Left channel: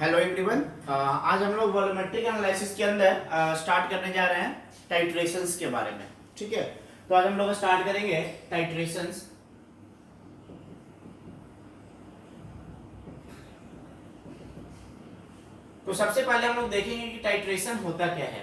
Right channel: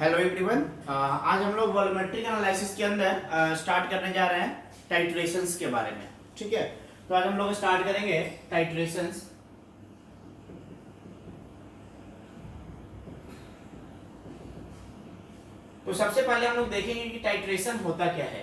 Hello everyone. आज हम लोग वॉल्यूमेट्रिक एनालिसिस के अंदर स्टार्ट करने जा रहे हैं टाइट्रेशंस के बारे में। ठीक है, तो आज हम लोग स्टार्ट करेंगे टाइट्रेशंस। तो सबसे पहले हम लोग देखेंगे कि टाइट्रेशन होता क्या है।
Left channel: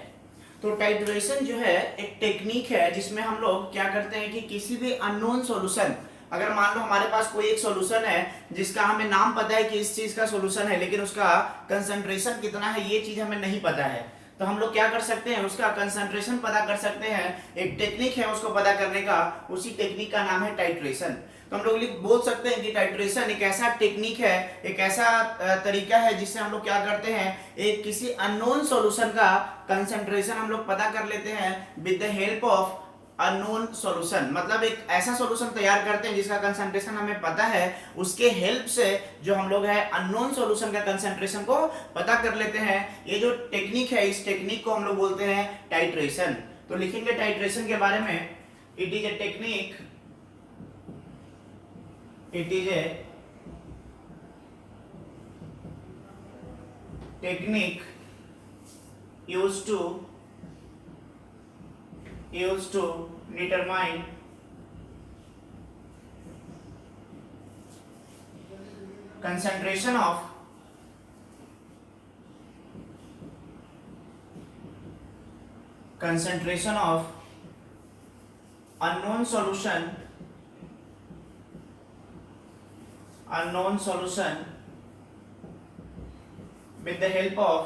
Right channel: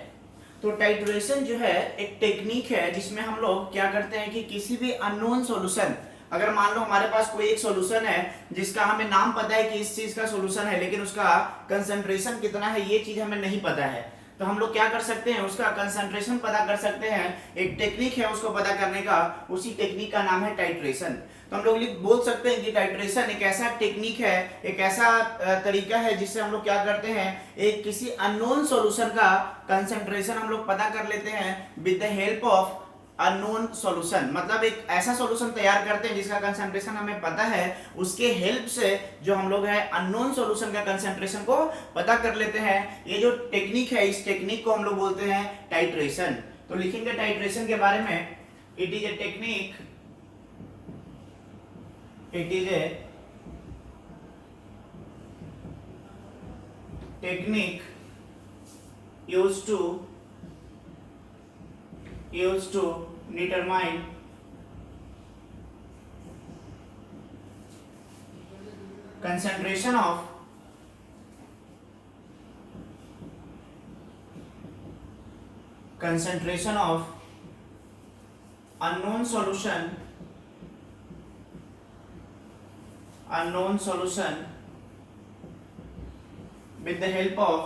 तो टाइट्रेशन जो है एक टेक्निक है जिसमें हम लोग क्या करते हैं कि किसी भी अननोन सॉल्यूशन, अगर मान लो हमारे पास कोई एक सॉल्यूशन है जिसका हमें नाम पता है कि इस चीज का सॉल्यूशन है, लेकिन उसका कंसंट्रेशन कितना है ये चीज हमें नहीं पता है, तो हम लोग क्या कर सकते हैं, उसका कंसंट्रेशन पता कर सकते हैं। एक टेक्निक है उसको पता करने का, उसी टेक्निक का नाम है टाइट्रेशन। तो हम लोग बोल सकते हैं कि टाइट्रेशन एक ऐसा टेक्निक है, एक ऐसा तरीका है जिससे हम लोग क्या करते हैं, एक किसी अननोन सॉल्यूशन का कंसंट्रेशन हम लोग पता कर लेते हैं with the help of unknown solution. मतलब एक ऐसा सॉल्यूशन तैयार करते हैं जिसका कंसंट्रेशन हमें पता है, उसके हेल्प से जो हम लोग है अननोन सॉल्यूशन का कंसंट्रेशन को पता कर लेते हैं। ये जो टेक्निक है, इस टेक्निक को हम लोग बोलते हैं टाइट्रेशन। तो लिखेंगे टाइट्रेशन के बारे में, it is a technique, it is a technique used to determine concentration of unknown solution with the help of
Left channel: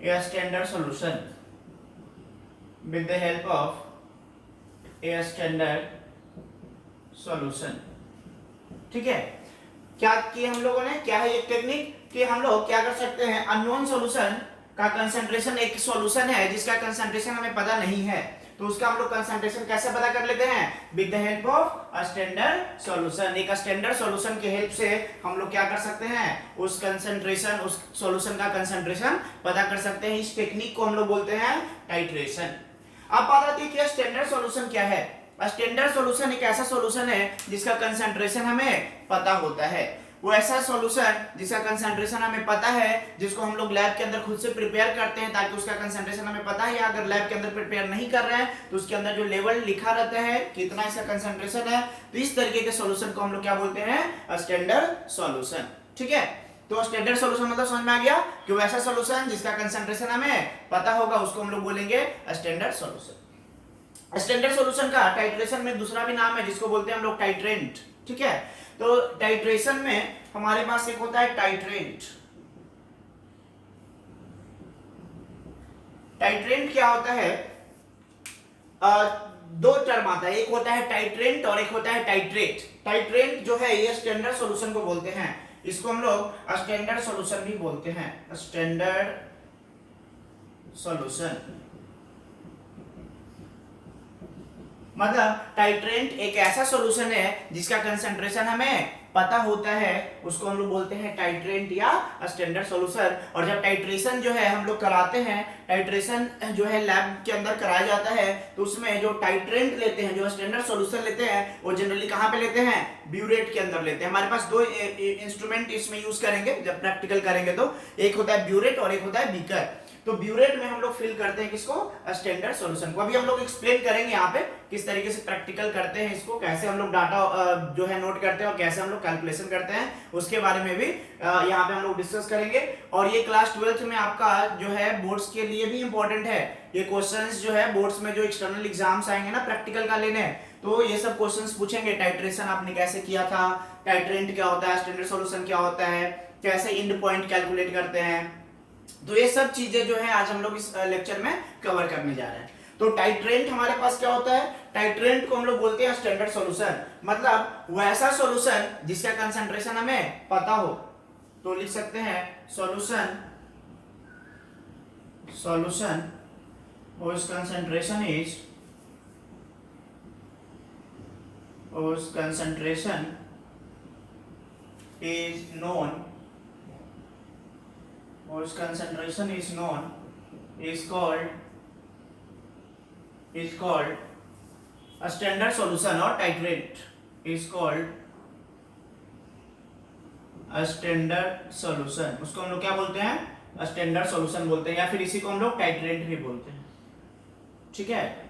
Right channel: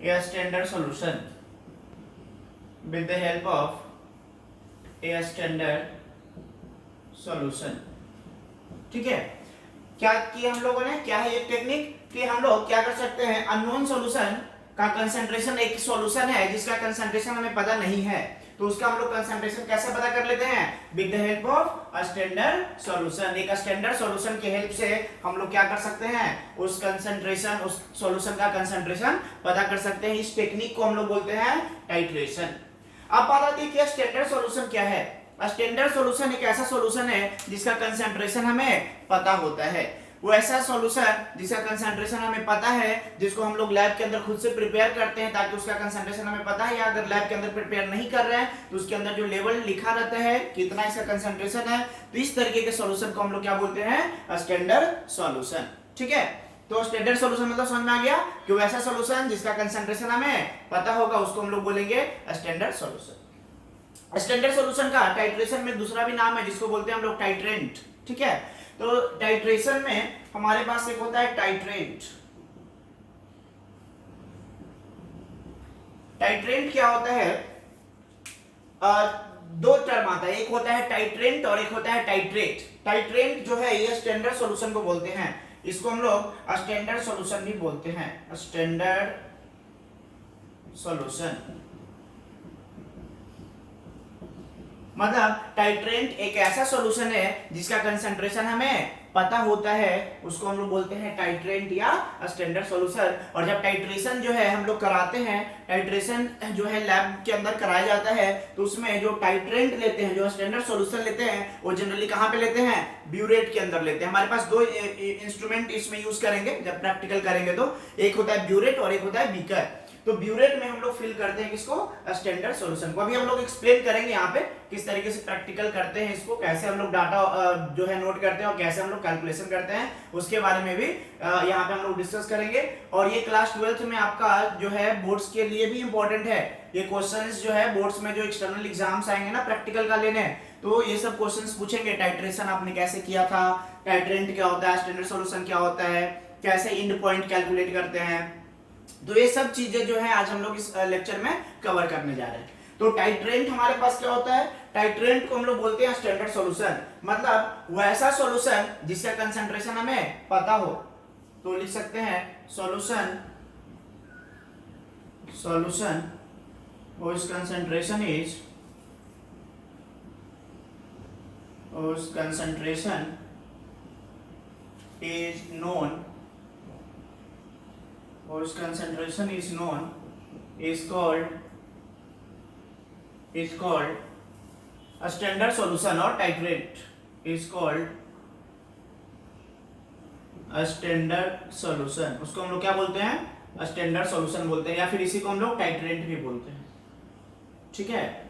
a standard solution, with the help of a standard solution। ठीक है, क्या किया हम लोगों ने, क्या है ये टेक्निक कि हम लोग क्या कर सकते हैं, अननोन सॉल्यूशन का कंसंट्रेशन, एक सॉल्यूशन है जिसका कंसंट्रेशन हमें पता नहीं है, तो उसका हम लोग कंसंट्रेशन कैसे पता कर लेते हैं, with the help of a standard solution. एक स्टैंडर्ड सॉल्यूशन के हेल्प से हम लोग क्या कर सकते हैं, उस कंसंट्रेशन, उस सॉल्यूशन का कंसंट्रेशन पता कर सकते हैं। इस टेक्निक को हम लोग बोलते हैं टाइट्रेशन। अब बात आती है कि स्टैंडर्ड सॉल्यूशन क्या है। स्टैंडर्ड सॉल्यूशन एक ऐसा सॉल्यूशन है जिसका कंसंट्रेशन हमें पता होता है। वो ऐसा सॉल्यूशन जिसका कंसंट्रेशन हमें पता है, जिसको हम लोग लैब के अंदर खुद से प्रिपेयर करते हैं ताकि उसका कंसंट्रेशन हमें पता है, या अगर लैब के अंदर प्रिपेयर नहीं कर रहे हैं तो उसके अंदर जो लेवल लिखा रहता है कितना इसका कंसंट्रेशन है, तो इस तरीके के सॉल्यूशन को हम लोग क्या बोलते हैं, स्टैंडर्ड सॉल्यूशन। ठीक है, तो स्टैंडर्ड सॉल्यूशन मतलब समझ में आ गया कि वो ऐसा सॉल्यूशन जिसका कंसंट्रेशन हमें पता होगा, उसको हम लोग बोलेंगे स्टैंडर्ड सॉल्यूशन। स्टैंडर्ड सॉल्यूशन का टाइट्रेशन में दूसरा भी नाम है जिसको बोलते हैं हम लोग टाइट्रेंट। ठीक है, तो टाइट्रेशन में हमारे पास एक होता है टाइट्रेंट। टाइट्रेंट क्या होता है, दो टर्म आता है, एक होता है टाइट्रेंट और एक होता है टाइट्रेट। टाइट्रेंट जो है ये स्टैंडर्ड सॉल्यूशन को बोलते हैं, इसको हम लोग स्टैंडर्ड सॉल्यूशन भी बोलते हैं, स्टैंडर्ड सॉल्यूशन। मतलब टाइट्रेंट एक ऐसा सॉल्यूशन है जिसका कंसंट्रेशन हमें पता होता है, उसको हम लोग बोलते हैं टाइट्रेंट या स्टैंडर्ड सॉल्यूशन। और जब टाइट्रेशन जो है हम लोग कराते हैं, टाइट्रेशन जो है लैब के अंदर कराया जाता है, तो उसमें जो टाइट्रेंट लेते हैं, जो स्टैंडर्ड सॉल्यूशन लेते हैं, वो जनरली कहाँ पे लेते हैं, ब्यूरेट के अंदर लेते हैं। हमारे पास दो इंस्ट्रूमेंट इसमें यूज करेंगे जब प्रैक्टिकल करेंगे, तो एक होता है ब्यूरेट और एक होता है बीकर। तो ब्यूरेट में हम लोग फिल करते हैं किसको, स्टैंडर्ड सॉल्यूशन को। अभी हम लोग एक्सप्लेन करेंगे यहाँ पे किस तरीके से प्रैक्टिकल करते हैं इसको, कैसे हम लोग डाटा जो है नोट करते हैं और कैसे हम लोग कैलकुलेशन करते हैं, उसके बारे में भी यहाँ पे हम लोग डिस्कस करेंगे। और ये क्लास 12th में आपका जो है बोर्ड्स के लिए भी इंपॉर्टेंट है। ये क्वेश्चंस जो है बोर्ड्स में जो एक्सटर्नल एग्जाम्स आएंगे ना प्रैक्टिकल का लेने, तो ये सब क्वेश्चंस पूछेंगे। टाइट्रेशन आपने कैसे किया था, टाइट्रेंट क्या होता है, स्टैंडर्ड सॉल्यूशन क्या होता है, कैसे एंड पॉइंट कैलकुलेट करते हैं, तो ये सब चीजें जो है आज हम लोग इस लेक्चर में कवर करने जा रहे हैं। तो टाइट्रेंट हमारे पास क्या होता है, टाइट्रेंट को हम लोग बोलते हैं स्टैंडर्ड सॉल्यूशन, मतलब वैसा सॉल्यूशन जिसका कंसंट्रेशन हमें पता हो। तो लिख सकते हैं solution whose concentration is known, whose concentration is known is called A standard solution or titrate is called a standard solution. उसको हम लोग क्या बोलते हैं? A standard solution बोलते हैं, या फिर इसी को हम लोग titrate भी बोलते हैं, ठीक है।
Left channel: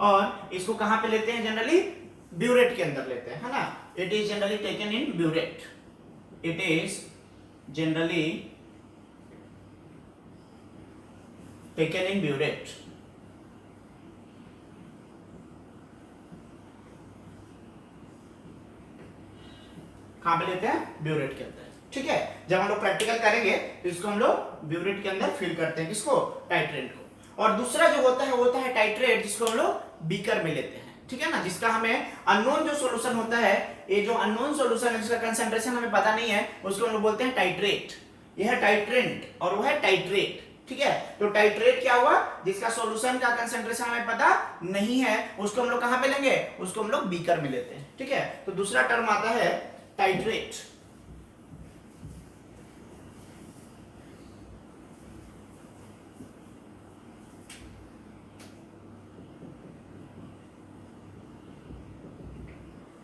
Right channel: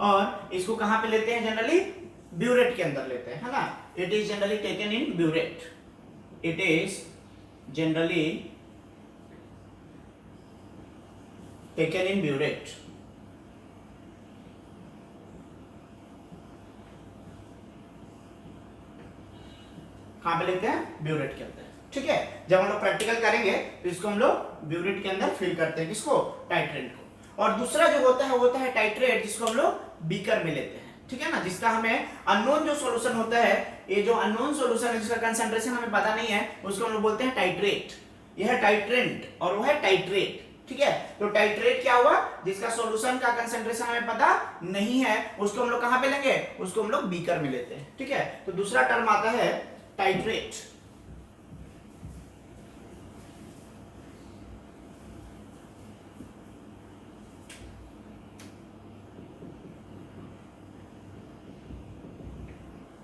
और इसको कहां पे लेते हैं? जनरली ब्यूरेट के अंदर लेते हैं, है ना। It is generally taken in burette, it is generally taken in burette. कहां पे लेते हैं? ब्यूरेट के अंदर, ठीक है। जब हम लोग प्रैक्टिकल करेंगे तो इसको हम लोग ब्यूरेट के अंदर फिल करते हैं, किसको? टाइट्रेट को। और दूसरा जो होता है टाइट्रेट, जिसको हम लोग बीकर में लेते हैं, ठीक है ना, जिसका हमें अननोन जो सॉल्यूशन होता है, ये जो अननोन सॉल्यूशन है जिसका कंसंट्रेशन हमें पता नहीं है, उसको हम लोग बोलते हैं टाइट्रेट। यह है टाइट्रेंट और वो है टाइट्रेट, ठीक है। तो टाइट्रेट क्या हुआ? जिसका सॉल्यूशन का कंसंट्रेशन हमें पता नहीं है, उसको हम लोग कहां पे लेंगे? उसको हम लोग बीकर में लेते हैं, ठीक है। तो दूसरा टर्म आता है टाइट्रेट।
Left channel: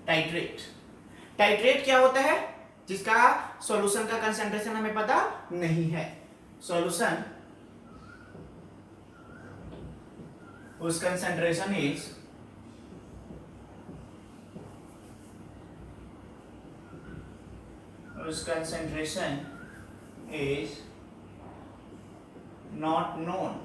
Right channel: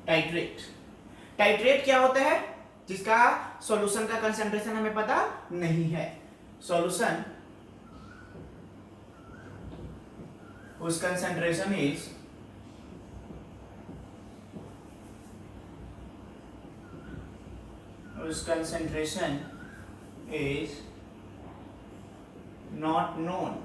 टाइट्रेट, टाइट्रेट क्या होता है? जिसका सॉल्यूशन का कंसंट्रेशन हमें पता नहीं है, सॉल्यूशन उस कंसंट्रेशन इज नॉट नोन।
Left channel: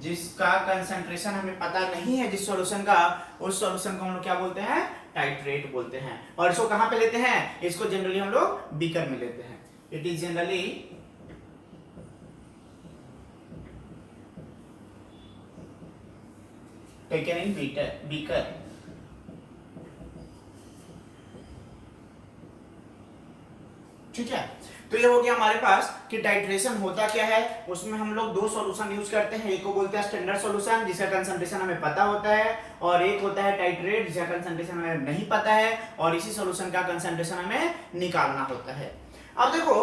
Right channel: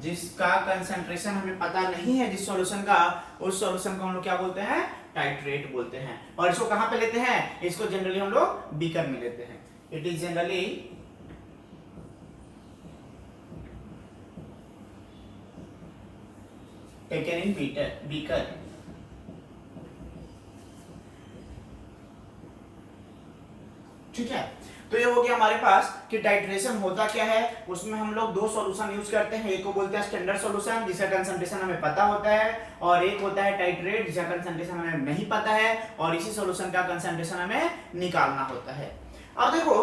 जिसका कंसंट्रेशन हमें पता नहीं है, जिस सॉल्यूशन का, उस सॉल्यूशन को हम लोग क्या बोलते हैं? टाइट्रेट बोलते हैं। और इसको कहां पे लेते हैं? इसको जनरली हम लोग बीकर में लेते हैं। It is generally taken in beaker. ठीक है। तो ये हो गया हमारे पास कि टाइट्रेशन होता क्या है। उसमें हम लोग दो सॉल्यूशन यूज करते हैं, एक को बोलते हैं स्टैंडर्ड सॉल्यूशन जिसका कंसंट्रेशन हमें पता होता है, और एक होता है टाइट्रेट जिसका कंसंट्रेशन हमें नहीं पता है, और इसी सॉल्यूशन का कंसंट्रेशन हमें निकालना होता है। अब देखो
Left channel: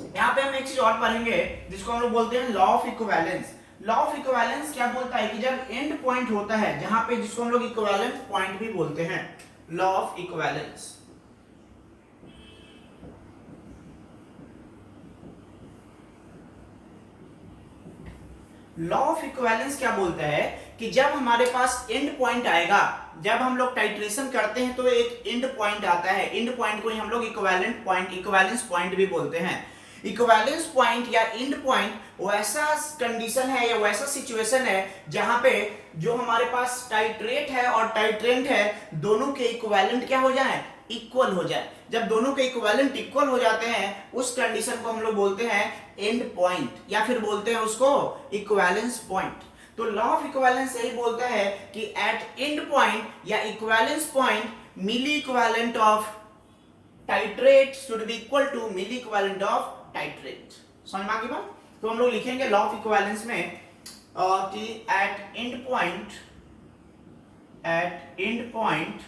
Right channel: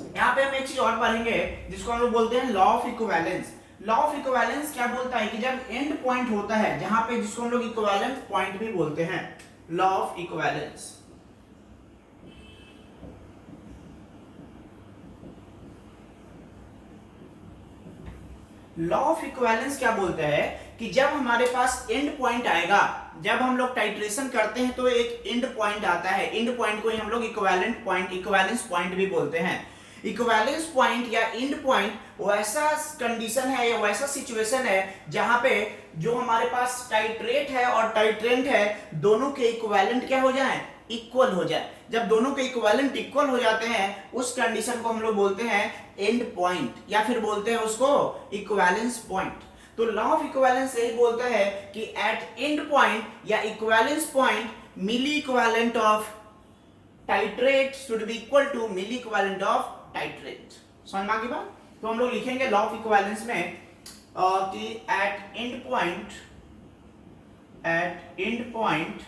यहाँ पे हम एक चीज और पढ़ेंगे जिसको हम लोग बोलते हैं law of equivalence. Law of equivalence क्या बोलता है कि जब एंड पॉइंट होता है, जहां पे जिसको हम लोग इक्विवेलेंट पॉइंट भी बोलते हैं, law of equivalence. Law of equivalence क्या बोलता है कि जब हमारे पास एंड पॉइंट आएगा, जब हम लोग टाइट्रेशन करते हैं तो एक एंड पॉइंट आता है, एंड पॉइंट को ही हम लोग इक्विवेलेंट पॉइंट, इक्विवेलेंस पॉइंट भी बोलते हैं। इक्विवेलेंस पॉइंट या एंड पॉइंट वैसा कंडीशन है या वैसा सिचुएशन है जहां पे जो हमारे पास टाइट्रेट है और टाइट्रेंट है, दोनों के इक्विवेलेंट क्या हो जाए? इक्वल हो जाए। जब दोनों के इक्विवेलेंट इक्वल हो जाते हैं, उस कंडीशन को हम लोग बोलते हैं एंड पॉइंट, या फिर बोलते हैं उसको इक्विवेलेंस पॉइंट। तो लॉ ऑफ इक्विवेलेंस यही बोलता है कि एट एंड पॉइंट या equivalence point, milli equivalent of titrate should be equal to milli equivalent of titrate. समझ में आ गई बात? तो हम लोग लिखेंगे लॉ ऑफ इक्विवेलेंस में कि एट एंड पॉइंट,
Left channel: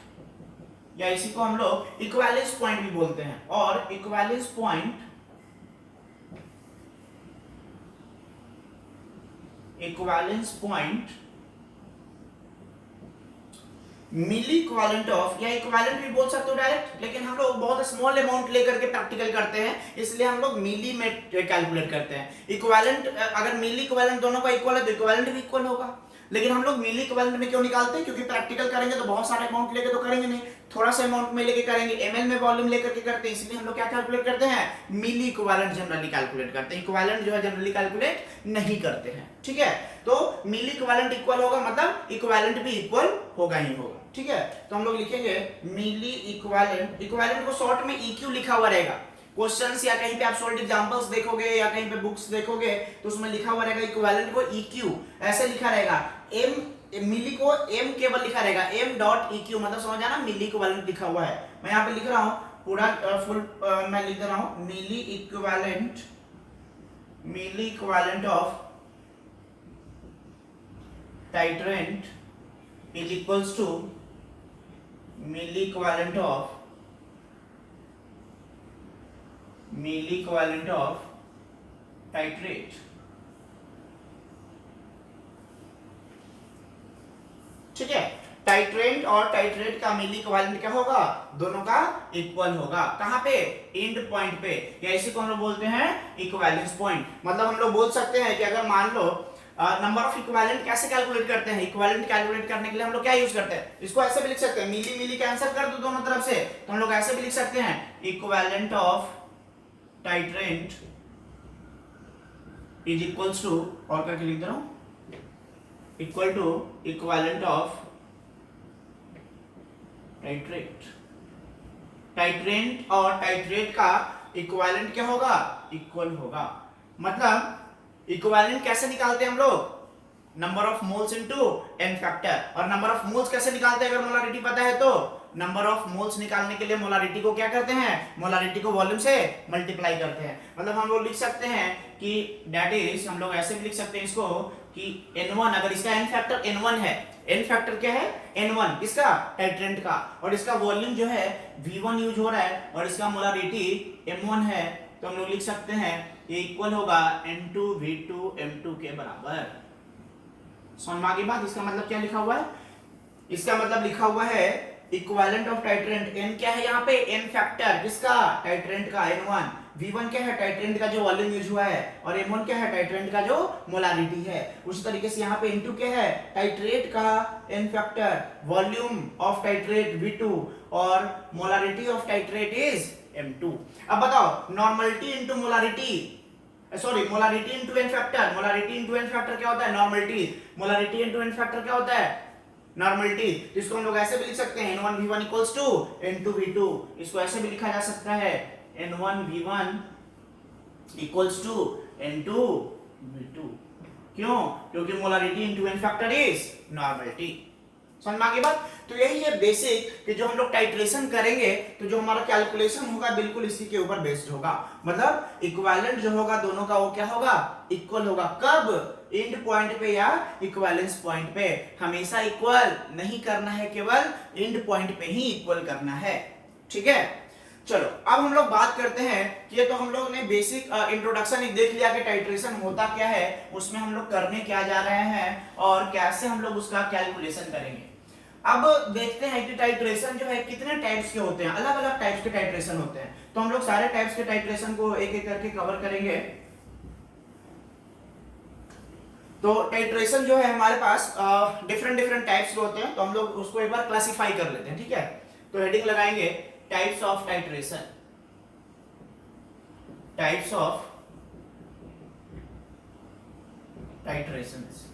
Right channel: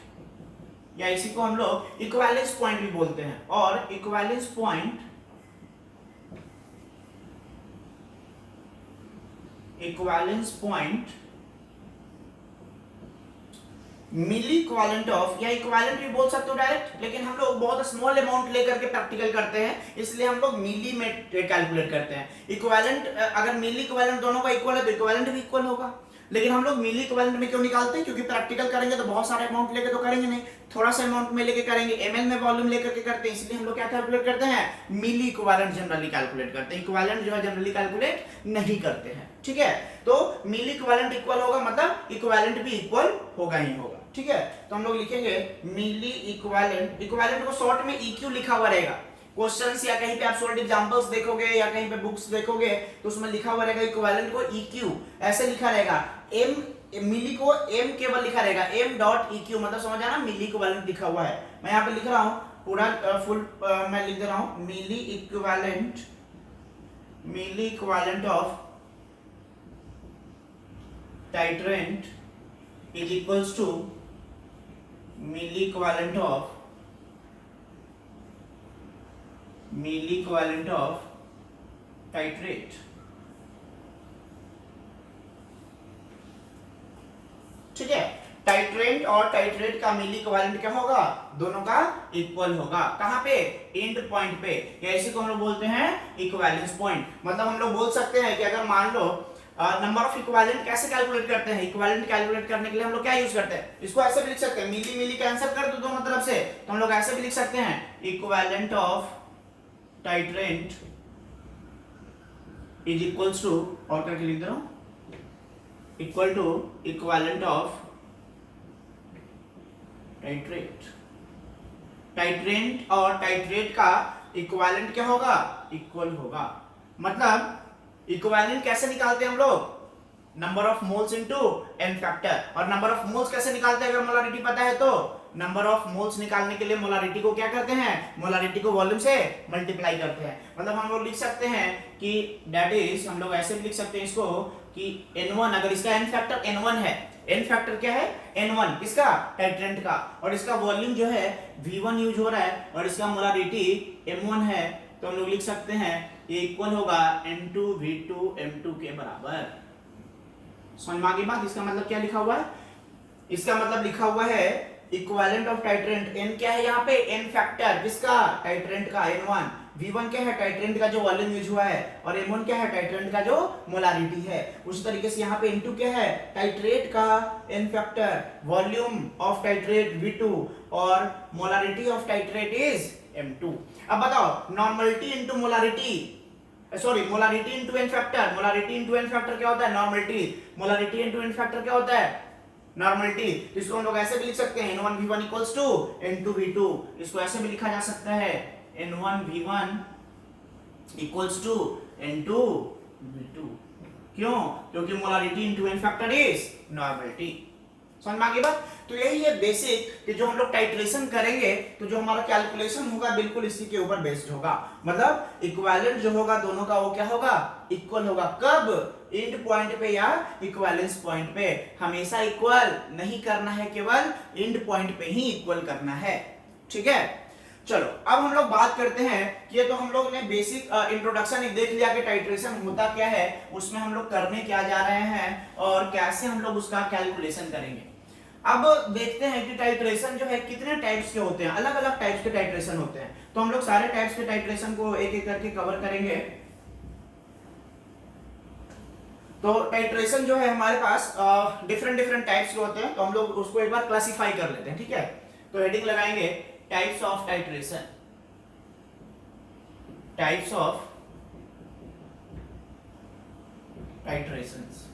या इसी को हम लोग इक्विवेलेंस पॉइंट भी बोलते हैं, और equivalence point milli equivalent of, या इक्विवेलेंट भी बोल सकते हो डायरेक्ट, लेकिन हम लोग बहुत स्मॉल अमाउंट लेकर के प्रैक्टिकल करते हैं, इसलिए हम लोग मिली में कैलकुलेट करते हैं। इक्विवेलेंट अगर मिली इक्विवेलेंट दोनों का इक्वल है तो इक्विवेलेंट भी इक्वल होगा, लेकिन हम लोग मिली इक्विवेलेंट में क्यों निकालते हैं? क्योंकि प्रैक्टिकल करेंगे तो बहुत सारे अमाउंट लेके तो करेंगे नहीं, थोड़ा सा अमाउंट में लेके करेंगे, एमएल में वॉल्यूम लेकर के करते हैं, इसलिए हम लोग क्या कैलकुलेट करते हैं? मिली इक्विवेलेंट जनरली कैलकुलेट करते हैं, इक्विवेलेंट जो है जनरली कैलकुलेट नहीं करते हैं। ठीक है, तो मिली इक्विवेलेंट इक्वल होगा मतलब इक्विवेलेंट भी इक्वल होगा ही होगा। ठीक है, तो हम लोग लिखेंगे मिली इक्विवेलेंट, इक्विवेलेंट को शॉर्ट में EQ लिखा हुआ रहेगा। क्वेश्चंस या कहीं पे आप सॉल्व एग्जांपल्स देखोगे या कहीं पे बुक्स देखोगे तो उसमें लिखा हुआ रहेगा इक्विवेलेंट को EQ ऐसे लिखा रहेगा। m मिली को m केवल लिखा रहेगा, m.eq मतलब समझ आना, मिली इक्विवेलेंट लिखा हुआ है। मैं यहाँ पे लिख रहा हूँ पूरा फुल, मैं लिख दे रहा हूँ milli equivalent of titrant is equals to milli equivalent of titrate. ठीक है। टाइट्रेंट और टाइट्रेट का मिली इक्विवेलेंट क्या होगा, दोनों का इक्वल होगा। कहां पे, एंड पॉइंट पे, या इसी को हम लोग बोलते हैं इक्विवेलेंस पॉइंट। मतलब हम लोग बोल सकते हैं कि अगर मान लो नंबर ऑफ इक्विवेलेंट कैसे कैलकुलेट करते हैं, इक्विवेलेंट कैलकुलेट करने के लिए हम लोग क्या यूज करते हैं, इसको ऐसे भी लिख सकते हैं, मिली मिली कैंसिल कर दो दोनों तरफ से, तो हम लोग ऐसे भी लिख सकते हैं equivalent of titrant is equals to, और करके लिख दे रहा हूं, equal to equivalent of titrate. Titrant और टाइट्रेट का इक्विवेलेंट क्या होगा, इक्वल होगा। मतलब इक्विवेलेंट कैसे निकालते हैं हम लोग, number of moles into N factor. और नंबर ऑफ मोल्स कैसे निकालते हैं, अगर मोलारिटी पता है तो नंबर ऑफ मोल्स निकालने के लिए मोलारिटी को क्या करते हैं, मोलारिटी को वॉल्यूम से मल्टीप्लाई करते हैं। मतलब हम लोग लिख सकते हैं कि दैट इज, हम लोग ऐसे भी लिख सकते हैं इसको कि N1, अगर इसका एन फैक्टर N1 है, एन फैक्टर क्या है N1 किसका, टाइट्रेंट का, और इसका वॉल्यूम जो है V1 यूज हो रहा है और इसका मोलारिटी M1 है, तो हम लोग लिख सकते हैं ये इक्वल होगा N2V2 M2 के बराबर। समझ में आ गई बात। इसका मतलब क्या लिखा हुआ है, इसका मतलब लिखा हुआ है इक्विवेलेंट ऑफ टाइट्रेंट, n क्या है यहाँ पे, n फैक्टर किसका, टाइट्रेंट का N1, V1 क्या है, टाइट्रेंट का जो वॉल्यूम यूज हुआ है, और M1 क्या है, टाइट्रेंट का जो मोलारिटी है। उसी तरीके से यहाँ पे N2 क्या है, टाइट्रेट का n factor, volume of titrate V2 और molarity of titrate is M2। अब बताओ normality into molarity, sorry molarity into N factor, molarity into N factor क्या होता है, normality, molarity into N factor क्या होता है, नॉर्मलिटी। तो इसको हम लोग ऐसे भी लिख सकते हैं N1V1 इक्वल्स टू N2V2, इसको ऐसे भी लिखा जा सकता है N1V1 इक्वल्स टू N2V2। क्यों, क्योंकि molarity into N factor is normality. समझ में आ गई बात। तो यही है बेसिक कि जो हम लोग टाइट्रेशन करेंगे तो जो हमारा कैलकुलेशन होगा बिल्कुल इसी के ऊपर बेस्ड होगा। मतलब इक्विवेलेंट जो होगा दोनों का वो क्या होगा, इक्वल होगा। कब, एंड पॉइंट पे या इक्विवेलेंस पॉइंट पे। हमेशा इक्वल नहीं करना है, केवल एंड पॉइंट पे ही इक्वल करना है। ठीक है, चलो अब हम लोग बात करते हैं कि ये तो हम लोग ने बेसिक इंट्रोडक्शन देख लिया कि टाइट्रेशन होता क्या है, उसमें हम लोग करने क्या जा रहे हैं और कैसे हम लोग उसका कैलकुलेशन करेंगे। अब देखते हैं कि टाइट्रेशन जो है कितने टाइप्स के होते हैं, अलग अलग टाइप्स के टाइट्रेशन होते हैं। तो हम लोग सारे टाइप्स के टाइट्रेशन को एक एक करके कवर करेंगे। तो टाइट्रेशन जो है हमारे पास डिफरेंट डिफरेंट टाइप्स के होते हैं, तो हम लोग उसको एक बार क्लासिफाई कर लेते हैं। ठीक है, तो हेडिंग लगाएंगे types of titration, types of titrations.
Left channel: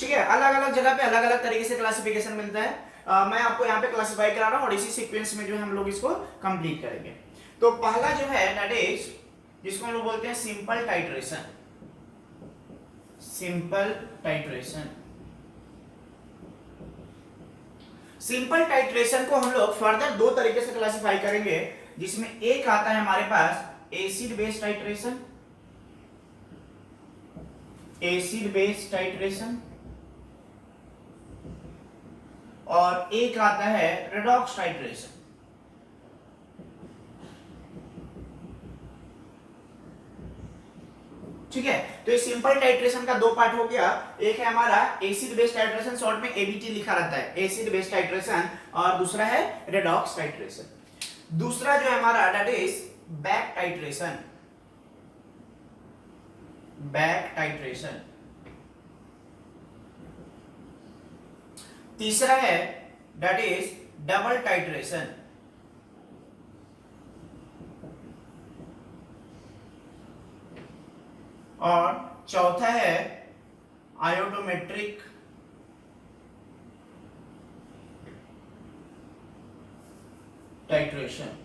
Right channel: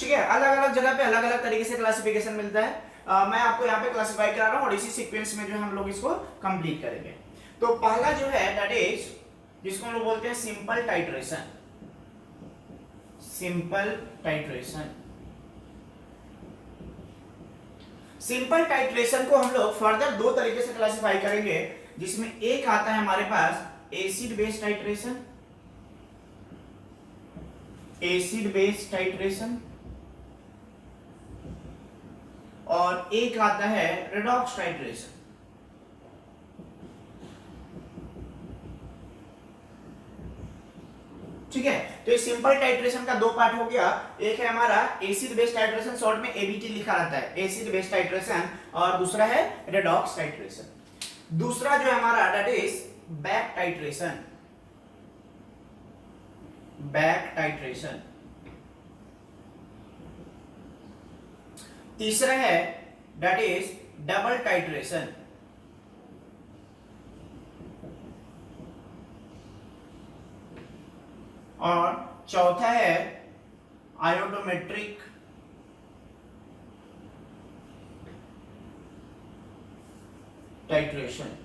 ठीक है, अलग अलग जगह पे अलग अलग तरीके से क्लासिफिकेशन मिलता है। मैं आपको यहाँ पे क्लासिफाई करा रहा हूँ और इसी सीक्वेंस में जो है हम लोग इसको कंप्लीट करेंगे। तो पहला जो है दैट इज, जिसको हम लोग बोलते हैं simple titration. Simple titration, simple titration को हम लोग फर्दर दो तरीके से क्लासिफाई करेंगे, जिसमें एक आता है हमारे पास acid based titration, acid based titration, और एक आता है रेडॉक्स टाइट्रेशन। ठीक है, तो इस सिंपल टाइट्रेशन का दो पार्ट हो गया। एक है हमारा एसिड बेस्ड टाइट्रेशन, शॉर्ट में एबीटी लिखा रहता है, एसिड बेस्ड टाइट्रेशन, और दूसरा है रेडॉक्स टाइट्रेशन। दूसरा जो है हमारा that is back titration, back titration. तीसरा है दैट इज डबल टाइट्रेशन, और चौथा है आयोडोमेट्रिक टाइट्रेशन।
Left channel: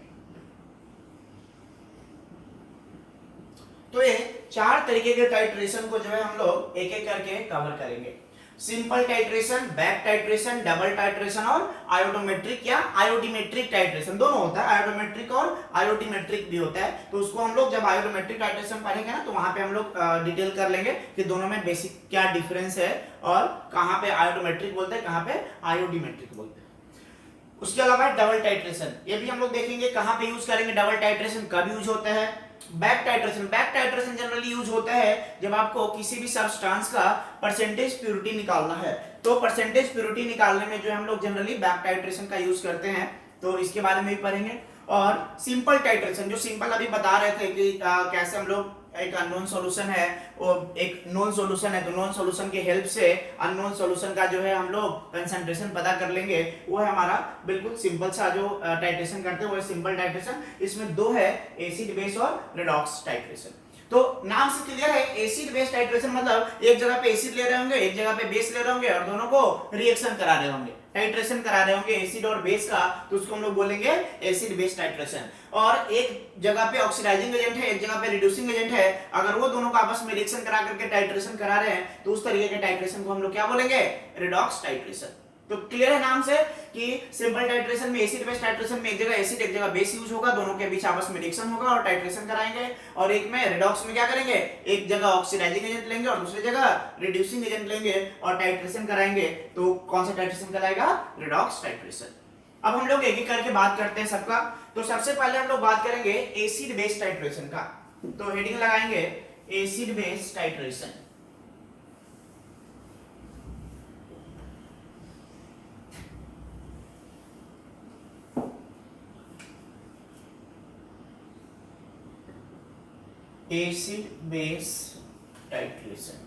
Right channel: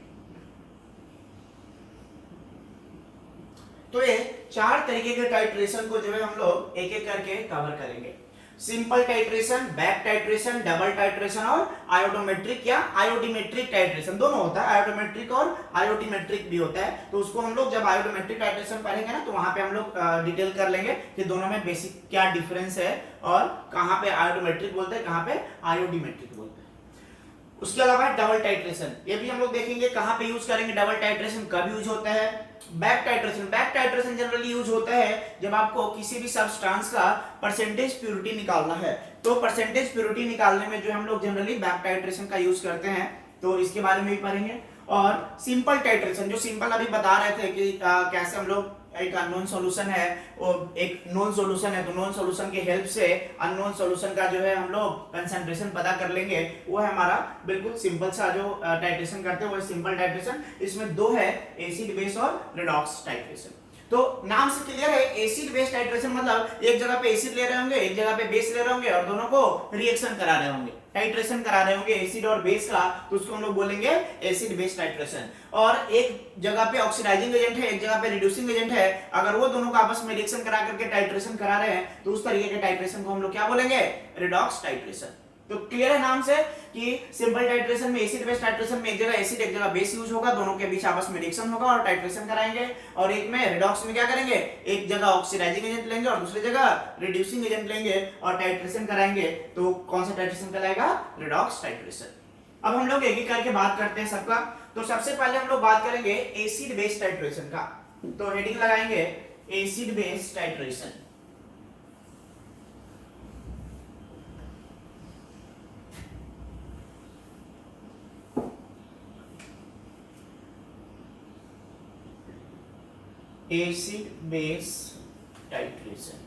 तो ये चार तरीके के टाइट्रेशन को जो है हम लोग एक एक करके कवर करेंगे। Simple titration, back titration, double titration और आयोडोमेट्रिक या आयोडीमेट्रिक टाइट्रेशन, दोनों होता है। आयोडोमेट्रिक और आयोडीमेट्रिक भी होता है। तो उसको हम लोग जब आयोडोमेट्रिक टाइट्रेशन पढ़ेंगे ना, तो वहां पे हम लोग डिटेल कर लेंगे कि दोनों में बेसिक क्या डिफरेंस है और कहां पे आयोडोमेट्रिक बोलते हैं, कहां पे आयोडीमेट्रिक बोलते हैं। उसके अलावा डबल टाइट्रेशन, ये भी हम लोग देखेंगे कहां पे यूज करेंगे, डबल टाइट्रेशन कब यूज होता है, बैक टाइट्रेशन जनरली यूज होता है जब आपको किसी भी सब्सटेंस का परसेंटेज प्योरिटी निकालना है। तो परसेंटेज प्योरिटी निकालने में जो हम लोग जनरली बैक टाइट्रेशन का यूज करते हैं, तो इसके बारे में भी पढ़ेंगे। और सिंपल टाइट्रेशन, जो सिंपल अभी बता रहे थे कि कैसे हम लोग एक अननोन सॉल्यूशन है और एक नोन सॉल्यूशन है, तो नोन सॉल्यूशन के हेल्प से अननोन सॉल्यूशन का जो है हम लोग कंसंट्रेशन पता कर लेंगे, वो है हमारा बिल्कुल सिंपल सा जो टाइट्रेशन करते हैं वो है सिंपल टाइट्रेशन। इसमें दो है, एसिड बेस और रिडॉक्स टाइट्रेशन। तो नाम से क्लियर है, एसिड बेस टाइट्रेशन मतलब एक जगह पे एसिड ले रहे होंगे, एक जगह पे बेस ले रहे होंगे और दोनों को रिएक्शन करा रहे होंगे, टाइट्रेशन करा रहे होंगे एसिड और बेस का, तो उसको हम लोग बोलेंगे एसिड बेस टाइट्रेशन। और एक जगह पे ऑक्सीडाइजिंग एजेंट है, एक जगह पे रिड्यूसिंग एजेंट है, अगर वो दोनों का आपस में रिएक्शन करा करके टाइट्रेशन करा रहे हैं तो उस तरीके के टाइट्रेशन को हम लोग क्या बोलेंगे, रिडॉक्स टाइट्रेशन। तो क्लियर है नाम से कि सिंपल टाइट्रेशन में एसिड बेस टाइट्रेशन में एक जगह एसिड एक जगह बेस यूज होगा, दोनों के बीच आपस में रिएक्शन होगा और टाइट्रेशन कराएंगे। और एक में रिडॉक्स में क्या करेंगे, एक जगह ऑक्सीडाइजिंग एजेंट लेंगे और दूसरी जगह रिड्यूसिंग एजेंट लेंगे और टाइट्रेशन कराएंगे। तो कौन सा टाइट्रेशन कहलाएगा, रिडॉक्स टाइट्रेशन। अब हम लोग एक एक करके बात करते हैं सबका। तो सबसे पहले हम लोग बात करेंगे एसिड बेस टाइट्रेशन का। तो हेडिंग लगाएंगे acid base titration. Acid base titration.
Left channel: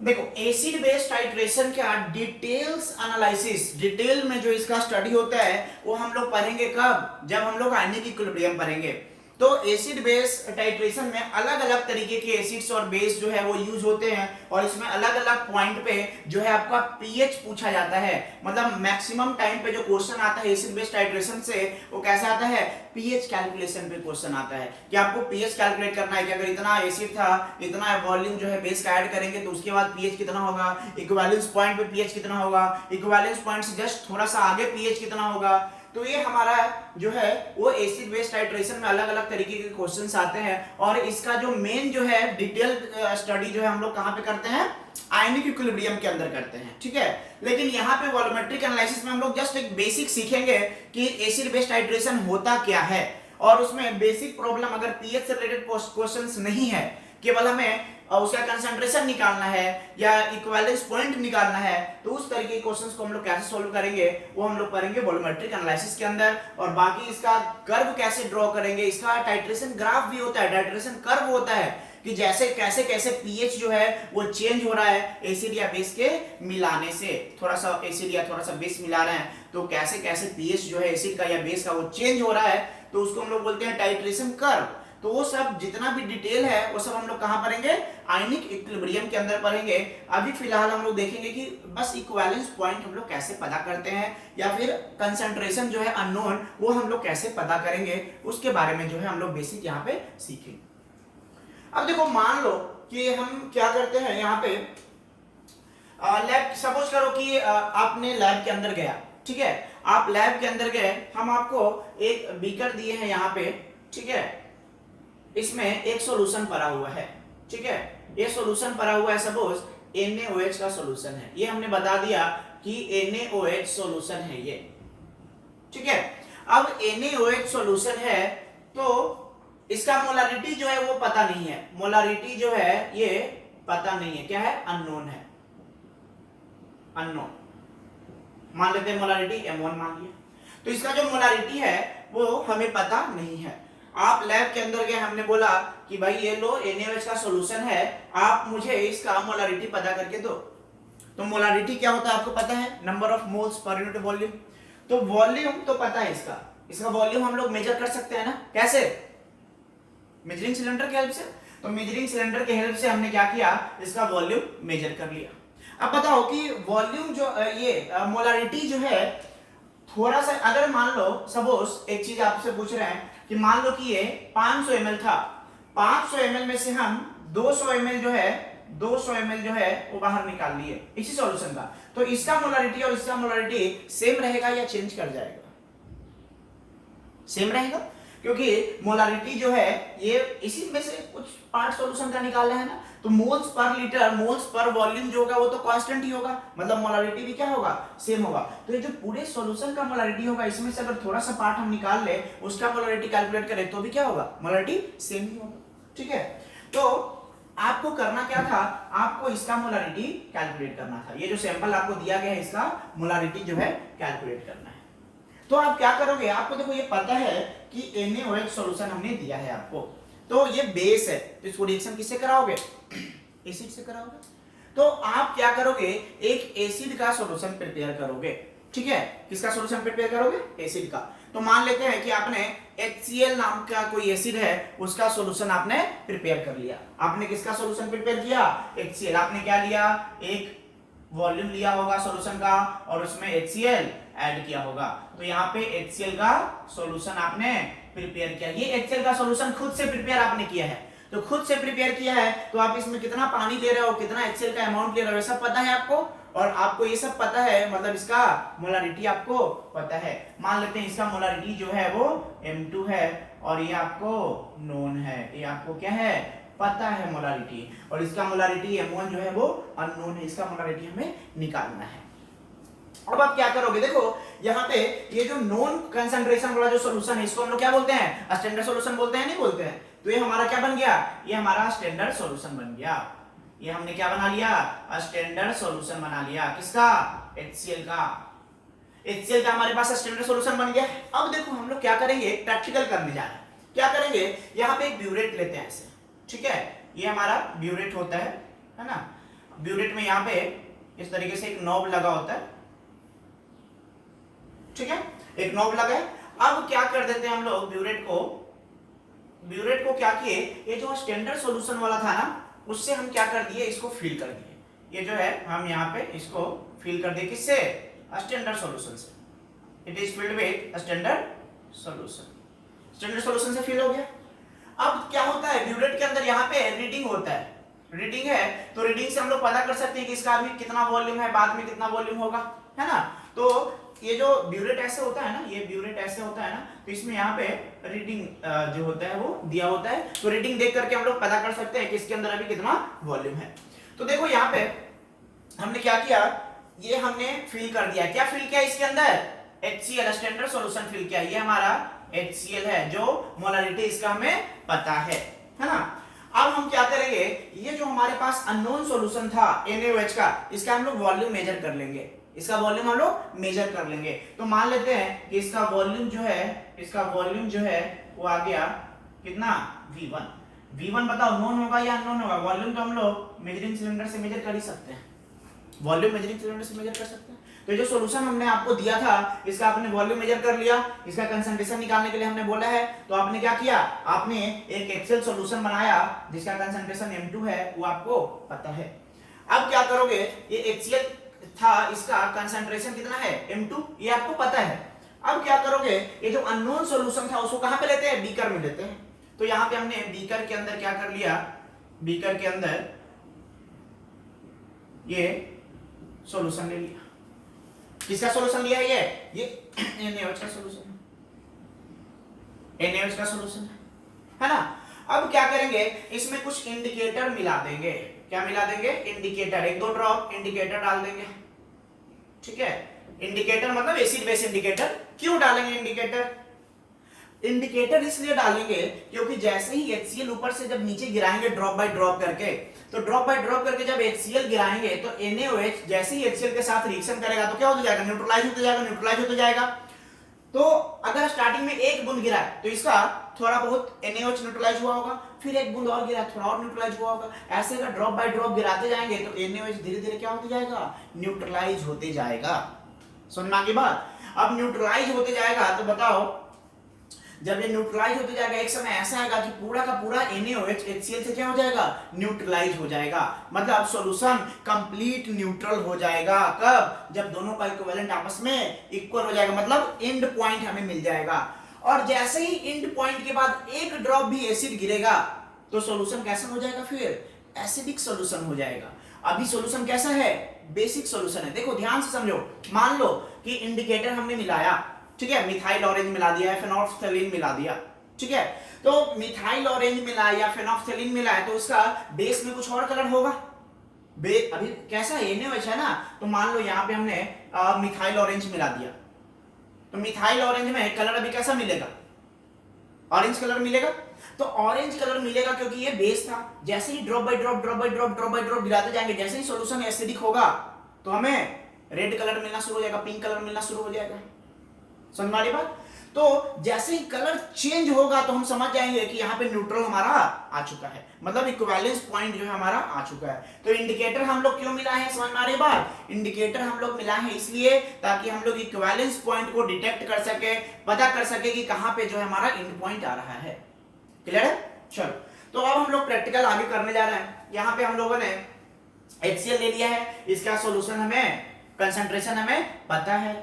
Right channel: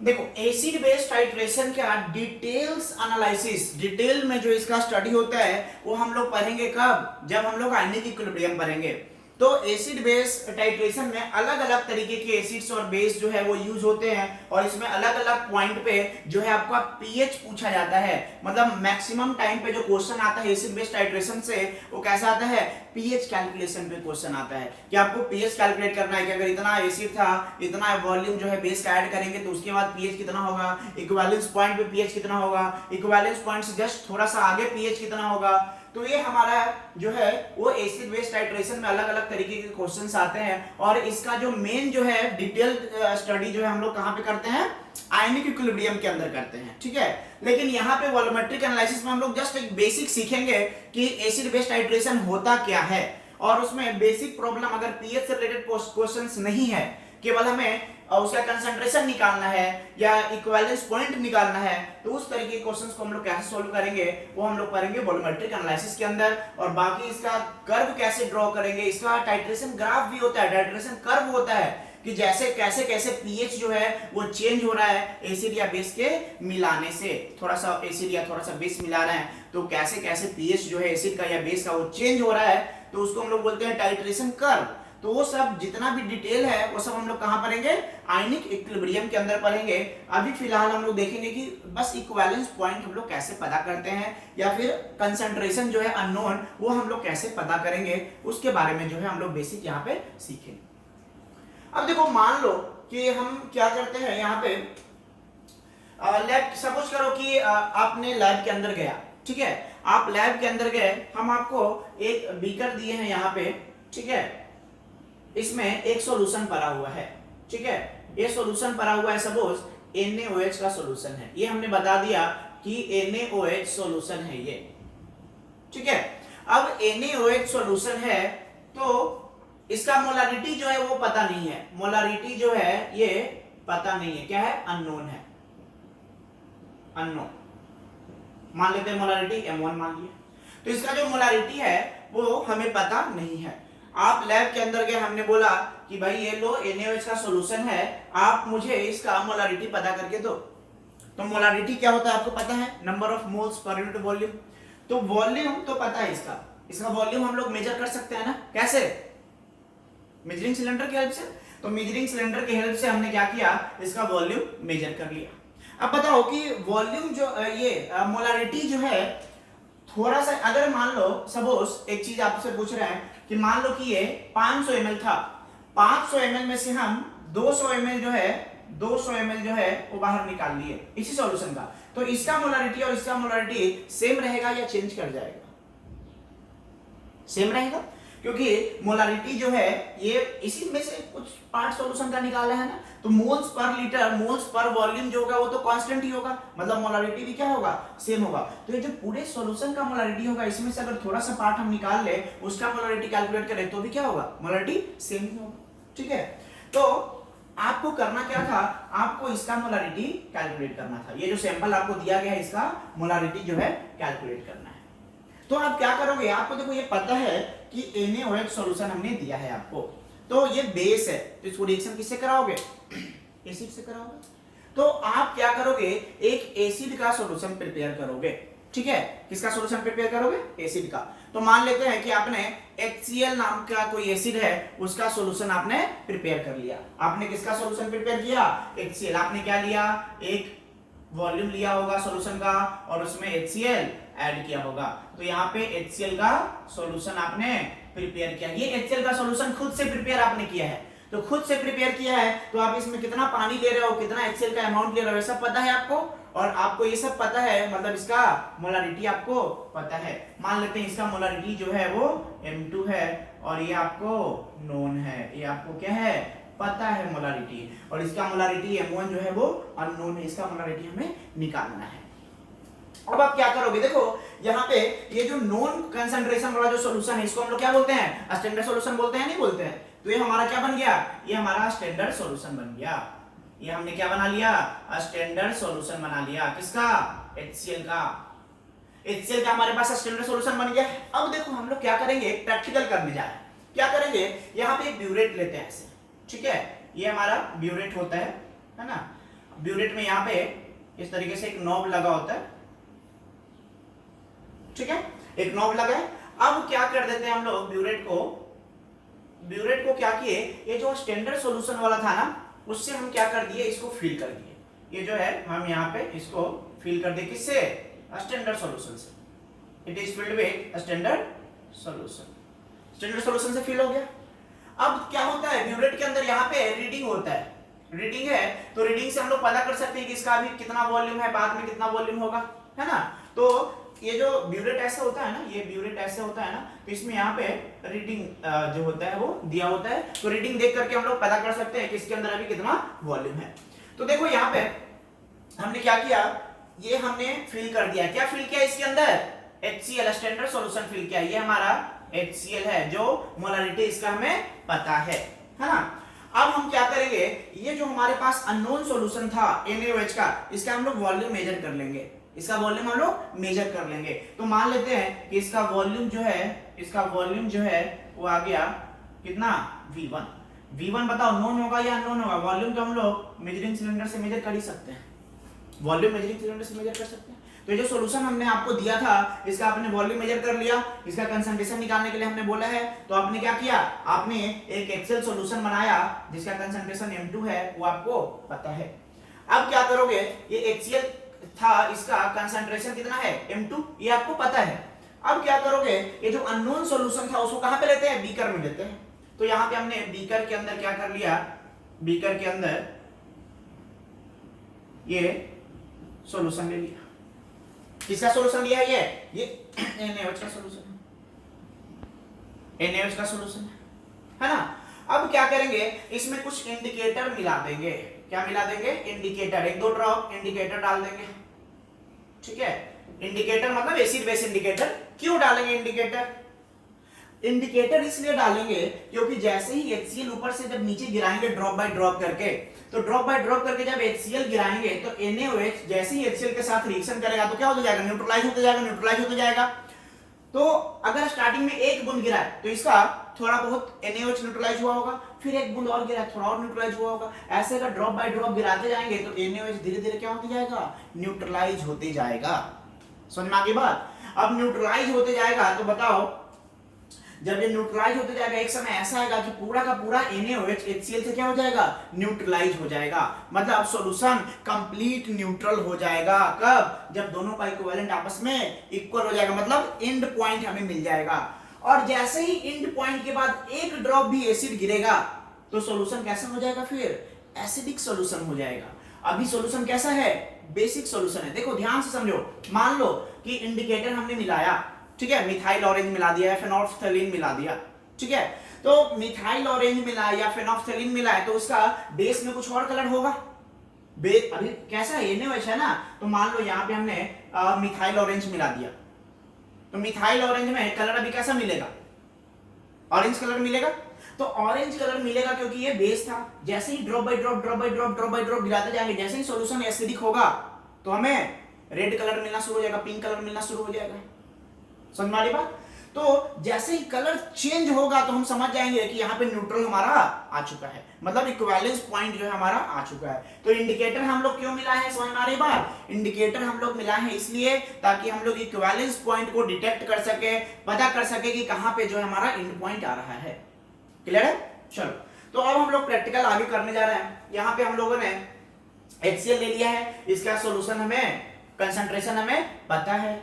देखो एसिड बेस टाइट्रेशन का डिटेल्स एनालिसिस, डिटेल में जो इसका स्टडी होता है वो हम लोग पढ़ेंगे कब, जब हम लोग आयनिक इक्विलिब्रियम पढ़ेंगे। तो एसिड बेस टाइट्रेशन में अलग अलग तरीके के एसिड्स और बेस जो है वो यूज होते हैं और इसमें अलग अलग पॉइंट पे जो है आपका पीएच पूछा जाता है। मतलब मैक्सिमम टाइम पे जो क्वेश्चन आता है एसिड बेस टाइट्रेशन से वो कैसा आता है, पीएच कैलकुलेशन पे क्वेश्चन आता है कि आपको पीएच कैलकुलेट करना है कि अगर इतना एसिड था, इतना वॉल्यूम जो है बेस का ऐड करेंगे तो उसके बाद पीएच कितना होगा, इक्विवेलेंस पॉइंट पे पीएच कितना होगा, इक्विवेलेंस पॉइंट से जस्ट थोड़ा सा आगे पीएच कितना होगा। तो ये हमारा जो है वो एसिड बेस टाइट्रेशन में अलग अलग तरीके के क्वेश्चंस आते हैं और इसका जो मेन जो है डिटेल स्टडी जो है हम लोग कहां पे करते हैं, आयनिक इक्विलिब्रियम के अंदर करते हैं, ठीक है। लेकिन यहाँ पे वॉल्यूमेट्रिक एनालिसिस में हम लोग जस्ट एक बेसिक सीखेंगे कि एसिड बेस टाइट्रेशन होता क्या है और उसमें बेसिक प्रॉब्लम अगर पीएच से रिलेटेड क्वेश्चंस नहीं है, केवल हमें उसका कंसंट्रेशन निकालना है या इक्विवेलेंस पॉइंट निकालना है, तो उस तरीके के क्वेश्चंस को हम लोग कैसे सॉल्व करेंगे वो हम लोग करेंगे वॉल्यूमेट्रिक एनालिसिस के अंदर। और बाकी इसका कर्व कैसे ड्रॉ करेंगे, इसका टाइट्रेशन ग्राफ भी होता है, टाइट्रेशन कर्व होता है कि जैसे कैसे कैसे पीएच जो है वो चेंज हो रहा है एसिड या बेस के मिलाने से, थोड़ा सा एसिड या थोड़ा सा बेस मिला रहे हैं तो कैसे कैसे पीएच जो है एसिड का या बेस का वो चेंज हो रहा है, तो उसको हम लोग बोलते हैं टाइट्रेशन कर्व। तो वो सब जितना भी डिटेल है वो सब हम लोग कहां पढ़ेंगे, आयनिक इक्विलिब्रियम के अंदर पढ़ेंगे। अभी फिलहाल हम लोग देखेंगे कि बस इक्विवेलेंस पॉइंट हम लोग कैसे पता करते हैं या फिर कंसंट्रेशन जो है अननोन वो हम लोग कैसे पता करेंगे, उसके बारे में जो है हम लोग बेसिक यहाँ पे सीखेंगे। अब देखो मान लो कि हम क्या करते हैं यहाँ पे, लैब सपोज करो कि आपने लैब के अंदर गया, ठीक है, आप लैब के अंदर गए, हम आपको एक बीकर दिए हैं यहाँ पे, ठीक है, इसमें एक सॉल्यूशन पड़ा हुआ है, ठीक है, ये सॉल्यूशन पड़ा हुआ है, सपोज NaOH का सॉल्यूशन है, ये हमने बता दिया कि NaOH सॉल्यूशन है ये, ठीक है। अब NaOH सॉल्यूशन है तो इसका मोलारिटी जो है वो पता नहीं है, मोलारिटी जो है ये पता नहीं है, क्या है, अननोन है, अननोन मान लेते हैं, मोलारिटी M1 मान लिया। तो इसका जो मोलारिटी है वो हमें पता नहीं है। आप लैब के अंदर गए, हमने बोला कि भाई ये लो NaOH का सॉल्यूशन है, आप मुझे इसका मोलारिटी पता करके दो। तो मोलारिटी क्या होता है आपको पता है, number of moles per unit volume. तो वॉल्यूम तो पता है इसका, इसका वॉल्यूम हम लोग मेजर कर सकते हैं ना, कैसे, मेजरिंग सिलेंडर की हेल्प से। तो मेजरिंग सिलेंडर की हेल्प से हमने क्या किया, इसका वॉल्यूम मेजर कर लिया। अब बताओ कि वॉल्यूम जो ये मोलारिटी जो है, थोड़ा सा अगर मान लो सपोज एक चीज आपसे पूछ रहे हैं कि मान लो कि ये 500 ml था, 500 ml में से हम 200 ml जो है 200 ml जो है वो बाहर निकाल लिए इसी सॉल्यूशन का, तो इसका मोलारिटी और इसका मोलारिटी सेम रहेगा या चेंज कर जाएगा, सेम रहेगा। क्योंकि मोलारिटी जो है ये इसी में से कुछ पार्ट सॉल्यूशन का निकाला है ना, तो moles per litre, moles per volume जो होगा वो तो कांस्टेंट ही होगा, मतलब मोलारिटी भी क्या होगा, सेम होगा। तो ये जो पूरे सॉल्यूशन का मोलारिटी होगा इसमें से अगर थोड़ा सा पार्ट हम निकाल ले, उसका मोलारिटी कैलकुलेट करें तो भी क्या होगा, मोलारिटी सेम ही होगा। ठीक है, तो आपको करना क्या था, आपको इसका मोलारिटी कैलकुलेट करना था। ये जो सैंपल आपको दिया गया है इसका मोलारिटी जो है कैलकुलेट करना है। तो आप क्या करोगे, आपको देखो ये पता है कि NaOH सॉल्यूशन हमने दिया है आपको, तो ये बेस है, तो इसको रिएक्शन किससे कराओगे, एसिड से कराओगे। तो आप क्या करोगे, एक एसिड का सॉल्यूशन प्रिपेयर करोगे। ठीक है, किसका सॉल्यूशन प्रिपेयर करोगे, एसिड का। तो मान लेते हैं कि आपने HCl नाम का कोई एसिड है उसका सॉल्यूशन आपने प्रिपेयर कर लिया। आपने किसका सॉल्यूशन प्रिपेयर किया, HCl। आपने क्या लिया, एक वॉल्यूम लिया होगा सॉल्यूशन का और उसमें HCl ऐड किया होगा। तो यहाँ पे HCl का सॉल्यूशन आपने प्रिपेयर किया। ये HCl का सॉल्यूशन खुद से प्रिपेयर आपने किया है, तो खुद से प्रिपेयर किया है तो आप इसमें कितना पानी ले रहे हो, कितना HCl का अमाउंट ले रहे हो, ये सब पता है आपको। और आपको ये सब पता है, मतलब इसका मोलारिटी आपको पता है। मान लेते हैं इसका मोलारिटी जो है वो M2 है और ये आपको नोन है, ये आपको क्या है, पता है मोलारिटी। और इसका मोलारिटी M1 जो है वो अननोन है, इसका मोलारिटी हमें निकालना है। अब आप क्या करोगे, देखो यहाँ पे ये जो नॉन कंसंट्रेशन वाला जो सॉल्यूशन है इसको हम लोग क्या बोलते हैं, स्टैंडर्ड सॉल्यूशन बोलते हैं, नहीं बोलते हैं। तो ये हमारा क्या बन गया, ये हमारा स्टैंडर्ड सॉल्यूशन बन गया। ये हमने क्या बना लिया, स्टैंडर्ड सॉल्यूशन बना लिया, किसका, HCl का। HCl का हमारे पास स्टैंडर्ड सॉल्यूशन बन गया। अब देखो हम लोग क्या करेंगे, प्रैक्टिकल करने जा रहे हैं। क्या करेंगे, यहाँ पे एक ब्यूरेट लेते हैं ऐसे, ठीक है, ये हमारा ब्यूरेट होता है ना। ब्यूरेट में यहाँ पे इस तरीके से एक नॉब लगा होता है, ठीक है, एक नॉब लगा है। अब क्या कर देते हैं हम लोग, ब्यूरेट को क्या किए, ये जो स्टैंडर्ड सॉल्यूशन वाला था ना उससे हम क्या कर दिए, इसको फिल कर दिए। ये जो है हम यहाँ पे इसको फिल कर दिए, किससे, स्टैंडर्ड सॉल्यूशन से। It is filled with standard solution, standard solution से फिल हो गया। अब क्या होता है, ब्यूरेट के अंदर यहाँ पे रीडिंग होता है, रीडिंग है तो रीडिंग से हम लोग पता कर सकते हैं कि इसका अभी कितना वॉल्यूम है, बाद में कितना वॉल्यूम होगा, है ना। तो ये जो ब्यूरेट ऐसे होता है ना, ये ब्यूरेट ऐसे होता है ना, तो इसमें यहाँ पे रीडिंग जो होता है वो दिया होता है। तो रीडिंग देख करके हम लोग पता कर सकते हैं कि इसके अंदर अभी कितना वॉल्यूम है। तो देखो यहाँ पे हमने क्या किया, ये हमने फिल कर दिया। क्या फिल किया इसके अंदर, HCl स्टैंडर्ड सॉल्यूशन फिल किया। ये हमारा HCl है, जो मोलारिटी इसका हमें पता है ना। अब हम क्या करेंगे, ये जो हमारे पास अननोन सॉल्यूशन था NaOH का, इसका हम लोग वॉल्यूम मेजर कर लेंगे, इसका वॉल्यूम हम लोग मेजर कर लेंगे। तो मान लेते हैं कि इसका वॉल्यूम जो है, इसका वॉल्यूम जो है वो आ गया कितना, V1 बताओ, नोन होगा या अननोन होगा। वॉल्यूम तो हम लोग मेजरिंग सिलेंडर से मेजर कर ही सकते हैं, वॉल्यूम मेजरिंग सिलेंडर से मेजर कर सकते हैं। तो ये जो सॉल्यूशन हमने आपको दिया था इसका आपने वॉल्यूम मेजर कर लिया, इसका कंसंट्रेशन निकालने के लिए हमने बोला है, तो आपने क्या किया, आपने एक एक्सेल सॉल्यूशन बनाया जिसका कंसंट्रेशन M2 है, वो आपको पता है। अब क्या करोगे, ये HCl था, इसका कंसंट्रेशन कितना है, M2, ये आपको पता है। अब क्या करोगे, ये जो अननोन सॉल्यूशन था उसको कहां पे लेते हैं, बीकर में लेते हैं। तो यहां पे हमने बीकर के अंदर क्या कर लिया, बीकर के अंदर ये सॉल्यूशन ले लिया। किसका सॉल्यूशन लिया है, ये NaOH का सॉल्यूशन है, NaOH का सॉल्यूशन है ना। अब क्या करेंगे, इसमें कुछ इंडिकेटर मिला देंगे। क्या मिला देंगे, इंडिकेटर, एक दो ड्रॉप इंडिकेटर डाल देंगे, ठीक है। इंडिकेटर मतलब एसिड बेस इंडिकेटर। क्यों डालेंगे इंडिकेटर, इंडिकेटर इसलिए डालेंगे क्योंकि जैसे ही HCl ऊपर से जब नीचे गिराएंगे ड्रॉप बाय ड्रॉप करके, तो ड्रॉप बाय ड्रॉप करके जब HCl गिराएंगे तो NaOH जैसे ही HCl के साथ रिएक्शन करेगा तो क्या होता जाएगा, न्यूट्रलाइज होते जाएगा, न्यूट्रलाइज होते जाएगा। तो अगर स्टार्टिंग में एक बूंद गिरा तो इसका थोड़ा बहुत NaOH न्यूट्रलाइज हुआ होगा, फिर एक बूंद और गिरा थोड़ा और न्यूट्रलाइज हुआ होगा। ऐसे अगर ड्रॉप बाय ड्रॉप गिराते जाएंगे तो NaOH धीरे धीरे क्या होते जाएगा, न्यूट्रलाइज होते जाएगा। समझ में आ गई बात। अब न्यूट्रलाइज होते जाएगा तो बताओ, जब ये न्यूट्रलाइज होते जाएगा एक समय ऐसा आएगा कि पूरा का पूरा NaOH HCl से क्या हो जाएगा, न्यूट्रलाइज हो जाएगा। मतलब सॉल्यूशन कंप्लीट न्यूट्रल हो जाएगा। कब, जब दोनों का इक्विवेलेंट आपस में इक्वल हो जाएगा, मतलब एंड पॉइंट हमें मिल जाएगा। और जैसे ही एंड पॉइंट के बाद एक ड्रॉप भी एसिड गिरेगा तो सॉल्यूशन कैसा हो जाएगा, फिर एसिडिक सॉल्यूशन हो जाएगा। अभी सॉल्यूशन कैसा है, बेसिक सॉल्यूशन है। देखो ध्यान से समझो, मान लो कि इंडिकेटर हमने मिलाया, ठीक है, मिथाइल ऑरेंज मिला दिया है, फेनोल्फ्थालीन मिला दिया, ठीक है। तो मिथाइल ऑरेंज मिला या फेनोल्फथालीन मिला है तो उसका बेस में कुछ और कलर होगा। अभी कैसा है NaOH है ना, तो मान लो यहाँ पे हमने मिथाइल ऑरेंज मिला दिया, तो मिथाइल ऑरेंज में कलर अभी कैसा मिलेगा, ऑरेंज कलर मिलेगा। तो ऑरेंज कलर मिलेगा क्योंकि ये बेस था। जैसे ही drop by drop drop by drop drop by drop गिराते जाएंगे, जैसे ही सॉल्यूशन एसिडिक होगा तो हमें रेड कलर मिलना शुरू हो जाएगा, पिंक कलर मिलना शुरू हो जाएगा। समझ में आ रही बात। तो जैसे ही कलर चेंज होगा तो हम समझ जाएंगे कि यहाँ पे न्यूट्रल हमारा आ चुका है, मतलब इक्विवेलेंस पॉइंट जो है हमारा आ चुका है। तो इंडिकेटर हम लोग क्यों मिला है, समझ में आ रही बात। इंडिकेटर हम लोग मिला है इसलिए ताकि हम लोग इक्विवेलेंस पॉइंट को डिटेक्ट कर सके, पता कर सके कि कहां पे जो है हमारा एंड पॉइंट आ रहा है। क्लियर है। चलो तो अब हम लोग प्रैक्टिकल आगे करने जा रहे हैं। यहाँ पे हम लोगों ने HCl ले लिया है, इसका सॉल्यूशन हमें कंसंट्रेशन हमें पता है।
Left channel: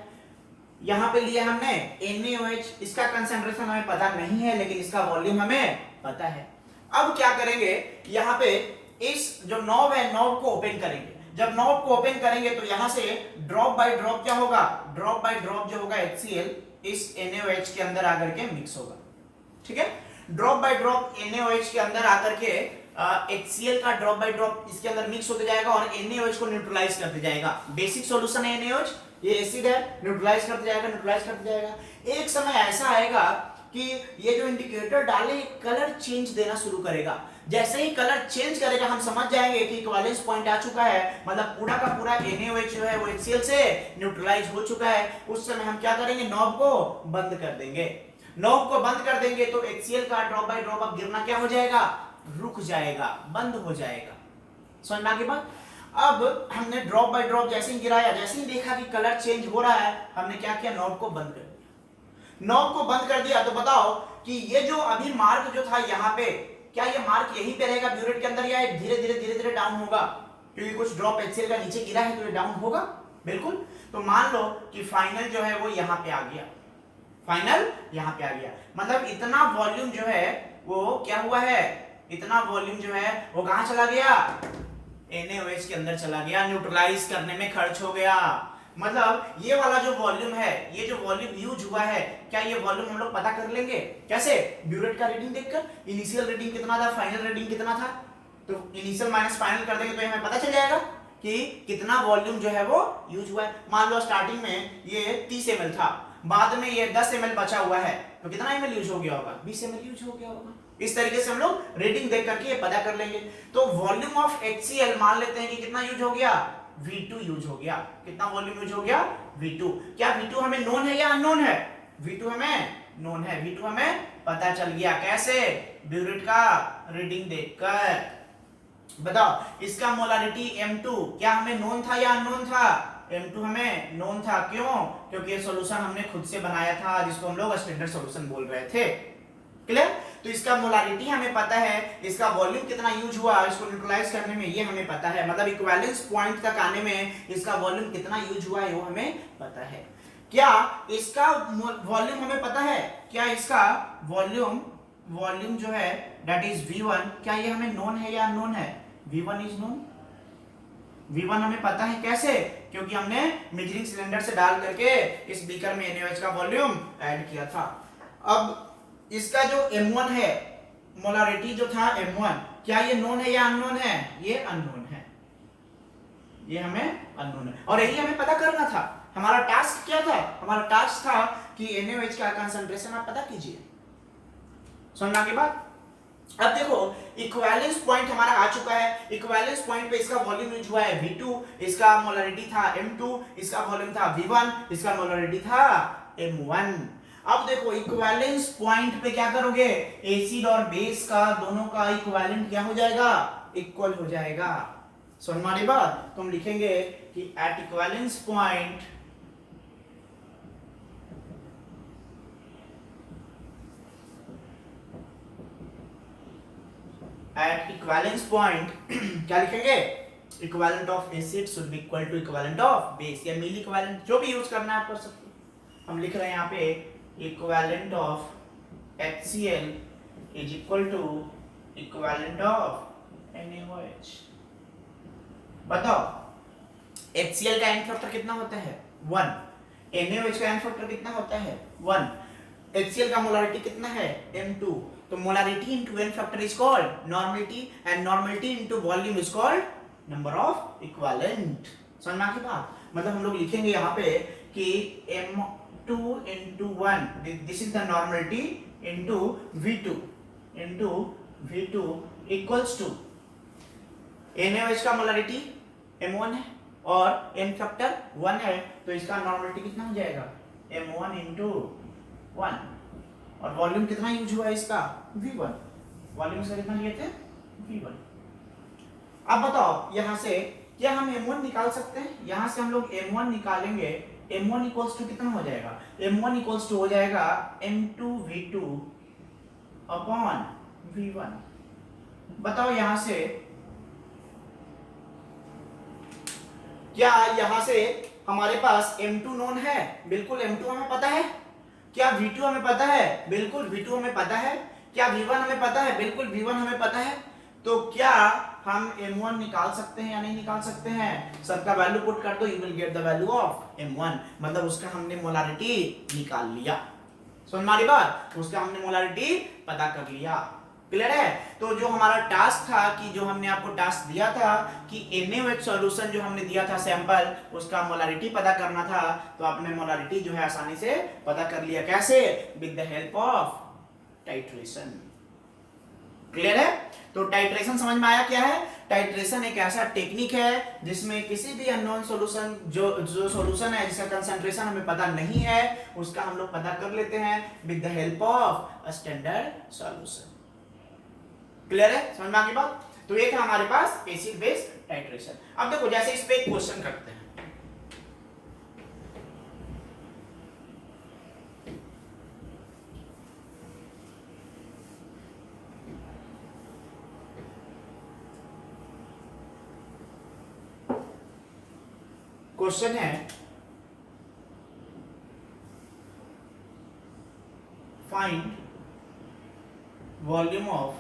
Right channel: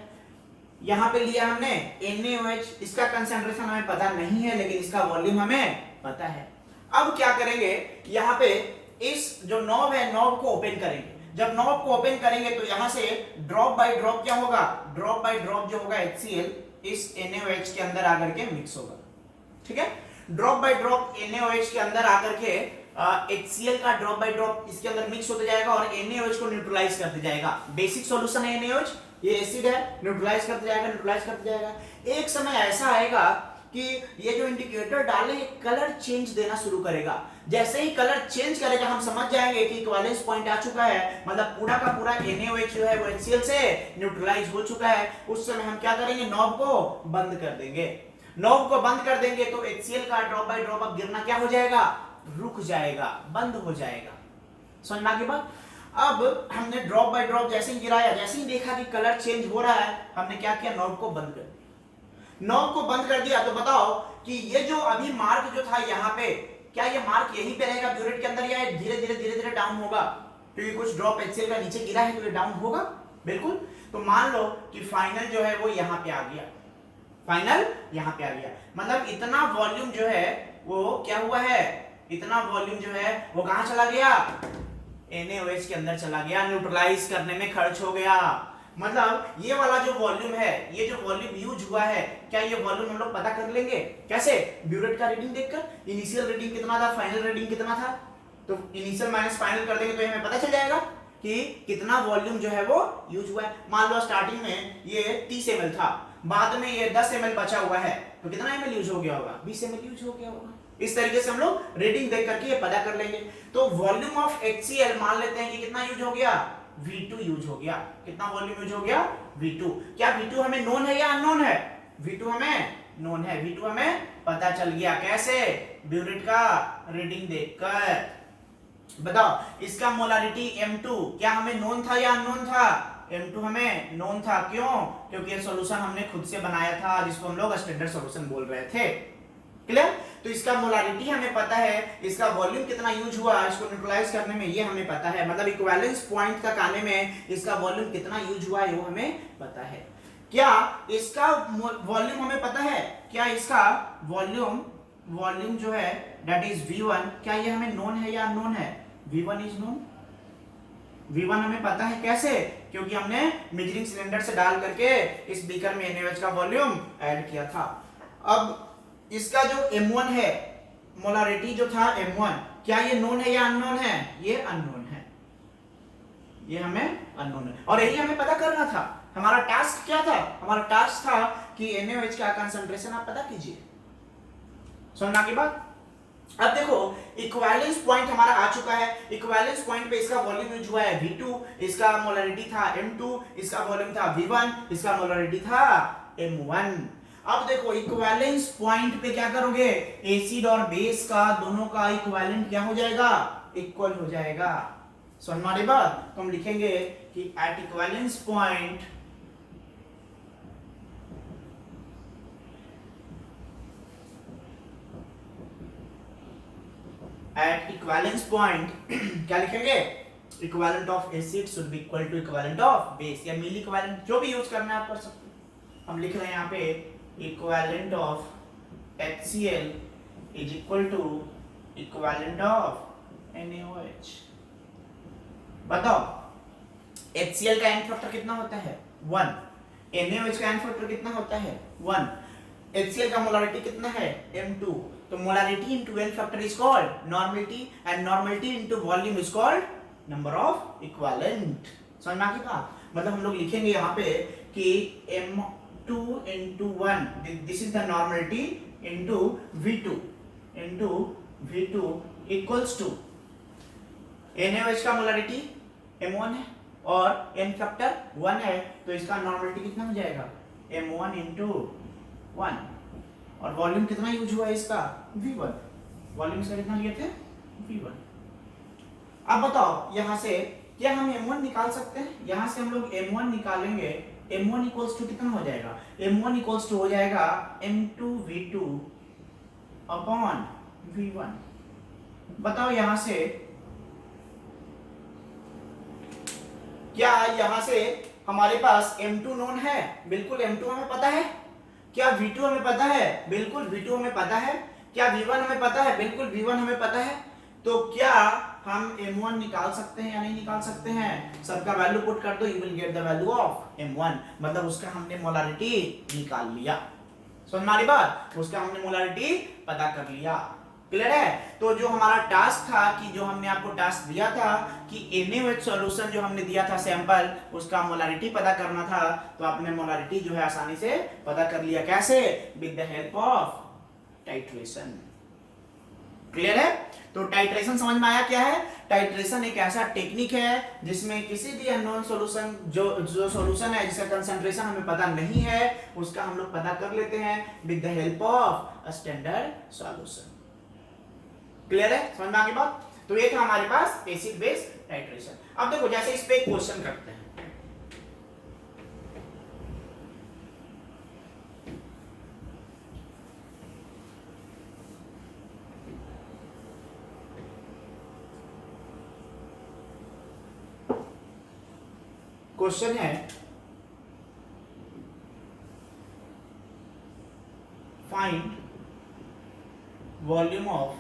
यहाँ पे लिया हमने NaOH, इसका कंसंट्रेशन हमें पता नहीं है लेकिन इसका वॉल्यूम हमें पता है। अब क्या करेंगे, यहाँ पे इस जो नॉब है, नॉब को ओपन करेंगे। जब नॉब को ओपन करेंगे तो यहाँ से ड्रॉप बाय ड्रॉप क्या होगा, ड्रॉप बाय ड्रॉप जो होगा HCl इस NaOH के अंदर आकर के मिक्स होगा। ठीक है, ड्रॉप बाय ड्रॉप NaOH के अंदर आकर के HCl का ड्रॉप बाय ड्रॉप इसके अंदर मिक्स होते जाएगा और NaOH को न्यूट्रलाइज करते जाएगा। बेसिक सॉल्यूशन है NaOH, ये एसिड है, न्यूट्रलाइज करते जाएगा, न्यूट्रलाइज करते जाएगा। एक समय ऐसा आएगा कि ये जो इंडिकेटर डाले कलर चेंज देना शुरू करेगा। जैसे ही कलर चेंज करेगा हम समझ जाएंगे कि इक्विवेलेंस पॉइंट आ चुका है, मतलब पूरा का पूरा NaOH जो है वो HCl से न्यूट्रलाइज हो चुका है। उस समय हम क्या करेंगे, नॉब को बंद कर देंगे। नॉब को बंद कर देंगे तो HCl का ड्रॉप बाय ड्रॉप अब गिरना क्या हो जाएगा, रुक जाएगा, बंद हो जाएगा। समझना की बात। अब हमने ड्रॉप बाय ड्रॉप जैसे ही गिराया, जैसे ही देखा कि कलर चेंज हो रहा है, हमने क्या किया, नॉब को बंद कर दिया। नॉब को बंद कर दिया तो बताओ कि ये जो अभी मार्क जो था यहाँ पे, क्या ये मार्क यहीं पे रहेगा ब्यूरेट के अंदर, या धीरे धीरे डाउन होगा, क्योंकि कुछ ड्रॉप HCl का नीचे गिरा है तो ये डाउन होगा बिल्कुल। तो मान लो कि फाइनल जो है वो यहाँ पे आ गया, फाइनल यहाँ पे आ गया, मतलब इतना वॉल्यूम जो है वो क्या हुआ है, इतना वॉल्यूम जो है वो कहां चला गया, NaOH के अंदर चला गया, न्यूट्रलाइज करने में खर्च हो गया। मतलब ये वाला जो वॉल्यूम है, ये जो वॉल्यूम यूज हुआ है, क्या ये वॉल्यूम हम लोग पता कर लेंगे कैसे, ब्यूरेट का रीडिंग देखकर। इनिशियल रीडिंग कितना था, फाइनल रीडिंग कितना था, तो इनिशियल माइनस फाइनल कर देंगे तो हमें पता चल जाएगा कि कितना वॉल्यूम जो है वो यूज हुआ है। मान लो स्टार्टिंग में ये 30 ml था, बाद में ये 10 ml बचा हुआ है, तो कितना ml यूज हो गया होगा, 20 ml यूज हो गया होगा। इस तरीके से हम लोग रीडिंग देख करके ये पता कर लेंगे। तो वॉल्यूम ऑफ HCl मान लेते हैं कि कितना यूज हो गया, V2 यूज हो गया। कितना वॉल्यूम यूज हो गया, V2। क्या V2 हमें नोन है या अननोन है, V2 हमें नोन है, V2 हमें पता चल गया। कैसे, ब्यूरेट का रीडिंग देखकर। बताओ इसका मोलारिटी M2 क्या हमें नोन था या अननोन था, M2 हमें नोन था। क्यों, क्योंकि ये सॉल्यूशन हमने खुद से बनाया था, जिसको हम लोग स्टैंडर्ड सॉल्यूशन बोल रहे थे। क्लियर। तो इसका मोलारिटी हमें पता है, इसका वॉल्यूम कितना यूज हुआ इसको न्यूट्रलाइज करने में ये हमें पता है, मतलब इक्विवेलेंस पॉइंट तक आने में इसका वॉल्यूम कितना यूज हुआ है वो हमें पता है। क्या इसका वॉल्यूम हमें पता है, क्या इसका वॉल्यूम जो है दैट इज V1, क्या ये हमें नोन है या अननोन है, V1 इज नोन। V1 हमें पता है कैसे, क्योंकि हमने मेजरिंग सिलेंडर से डाल करके इस बीकर में NaOH का वॉल्यूम ऐड किया था। अब इसका जो M1 है, मोलारिटी जो था M1, क्या ये नोन है या अननोन है, ये अननोन है, ये हमें अननोन है, और यही हमें पता करना था। हमारा टास्क क्या था, हमारा टास्क था कि NaOH का कंसंट्रेशन आप पता कीजिए। सुनना की बात। अब देखो इक्विवेलेंस पॉइंट हमारा आ चुका है, इक्विवेलेंस पॉइंट पे इसका वॉल्यूम यूज हुआ है V2, इसका मोलारिटी था M2, इसका वॉल्यूम था V1, इसका मोलारिटी था M1। अब देखो इक्विवेलेंस पॉइंट पे क्या करोगे, एसिड और बेस का दोनों का इक्विवेलेंट क्या हो जाएगा, इक्वल हो जाएगा। सो हमारी बात, तो हम लिखेंगे कि एट इक्विवेलेंस पॉइंट क्या लिखेंगे, equivalent of acid should be equal to equivalent of base, या मील इक्विवेलेंट जो भी यूज करना है आप कर सकते हो। हम लिख रहे हैं यहाँ पे equivalent of HCl is equal to equivalent of NaOH। बताओ HCl का एन फैक्टर कितना होता है 1, NaOH का एन फैक्टर कितना होता है 1, HCl का मोलारिटी कितना है m2, तो molarity into n factor is called normality and normality into volume is called number of equivalent. समझ में आ गई बात? मतलब हम लोग लिखेंगे यहाँ पे कि m2 into 1 this is the normality into v2 equals to NaOH का मोलारिटी m1 है और n फैक्टर 1 है, तो इसका नॉर्मलिटी कितना हो जाएगा m1 into 1 और वॉल्यूम कितना यूज हुआ है इसका v1, वॉल्यूम इसका कितना लिए थे v1। अब बताओ यहाँ से क्या हम m1 निकाल सकते हैं? यहाँ से हम लोग m1 निकालेंगे, m1 इक्वल्स टू कितना हो जाएगा, m1 इक्वल्स टू हो जाएगा m2 v2 अपॉन v1। बताओ यहाँ से क्या यहाँ से हमारे पास m2 नोन है? बिल्कुल m2 हमें पता है। क्या v2 हमें पता है? बिल्कुल v2 हमें पता है। क्या v1 हमें पता है? बिल्कुल v1 हमें पता है। तो क्या हम m1 निकाल सकते हैं या नहीं निकाल सकते हैं? सबका वैल्यू पुट कर दो, you will get the value of m1, मतलब उसका हमने मोलारिटी निकाल लिया। समझ में आ रही बात? उसका हमने मोलारिटी पता कर लिया। क्लियर है? तो जो हमारा टास्क था कि जो हमने आपको टास्क दिया था कि NaOH सॉल्यूशन जो हमने दिया था सैंपल, उसका मोलारिटी पता करना था, तो आपने मोलारिटी जो है आसानी से पता कर लिया। कैसे? With the help of titration. Clear है? तो टाइट्रेशन समझ में आया क्या है? टाइट्रेशन एक ऐसा टेक्निक है जिसमें किसी भी अननोन सॉल्यूशन जो सॉल्यूशन है जिसका कंसंट्रेशन हमें पता नहीं है, उसका हम लोग पता कर लेते हैं with the help of a standard solution. Clear है? समझ में आ गई बात? तो एक है हमारे पास एसिड बेस टाइट्रेशन। अब देखो जैसे इस पे एक क्वेश्चन करते हैं। क्वेश्चन है find volume of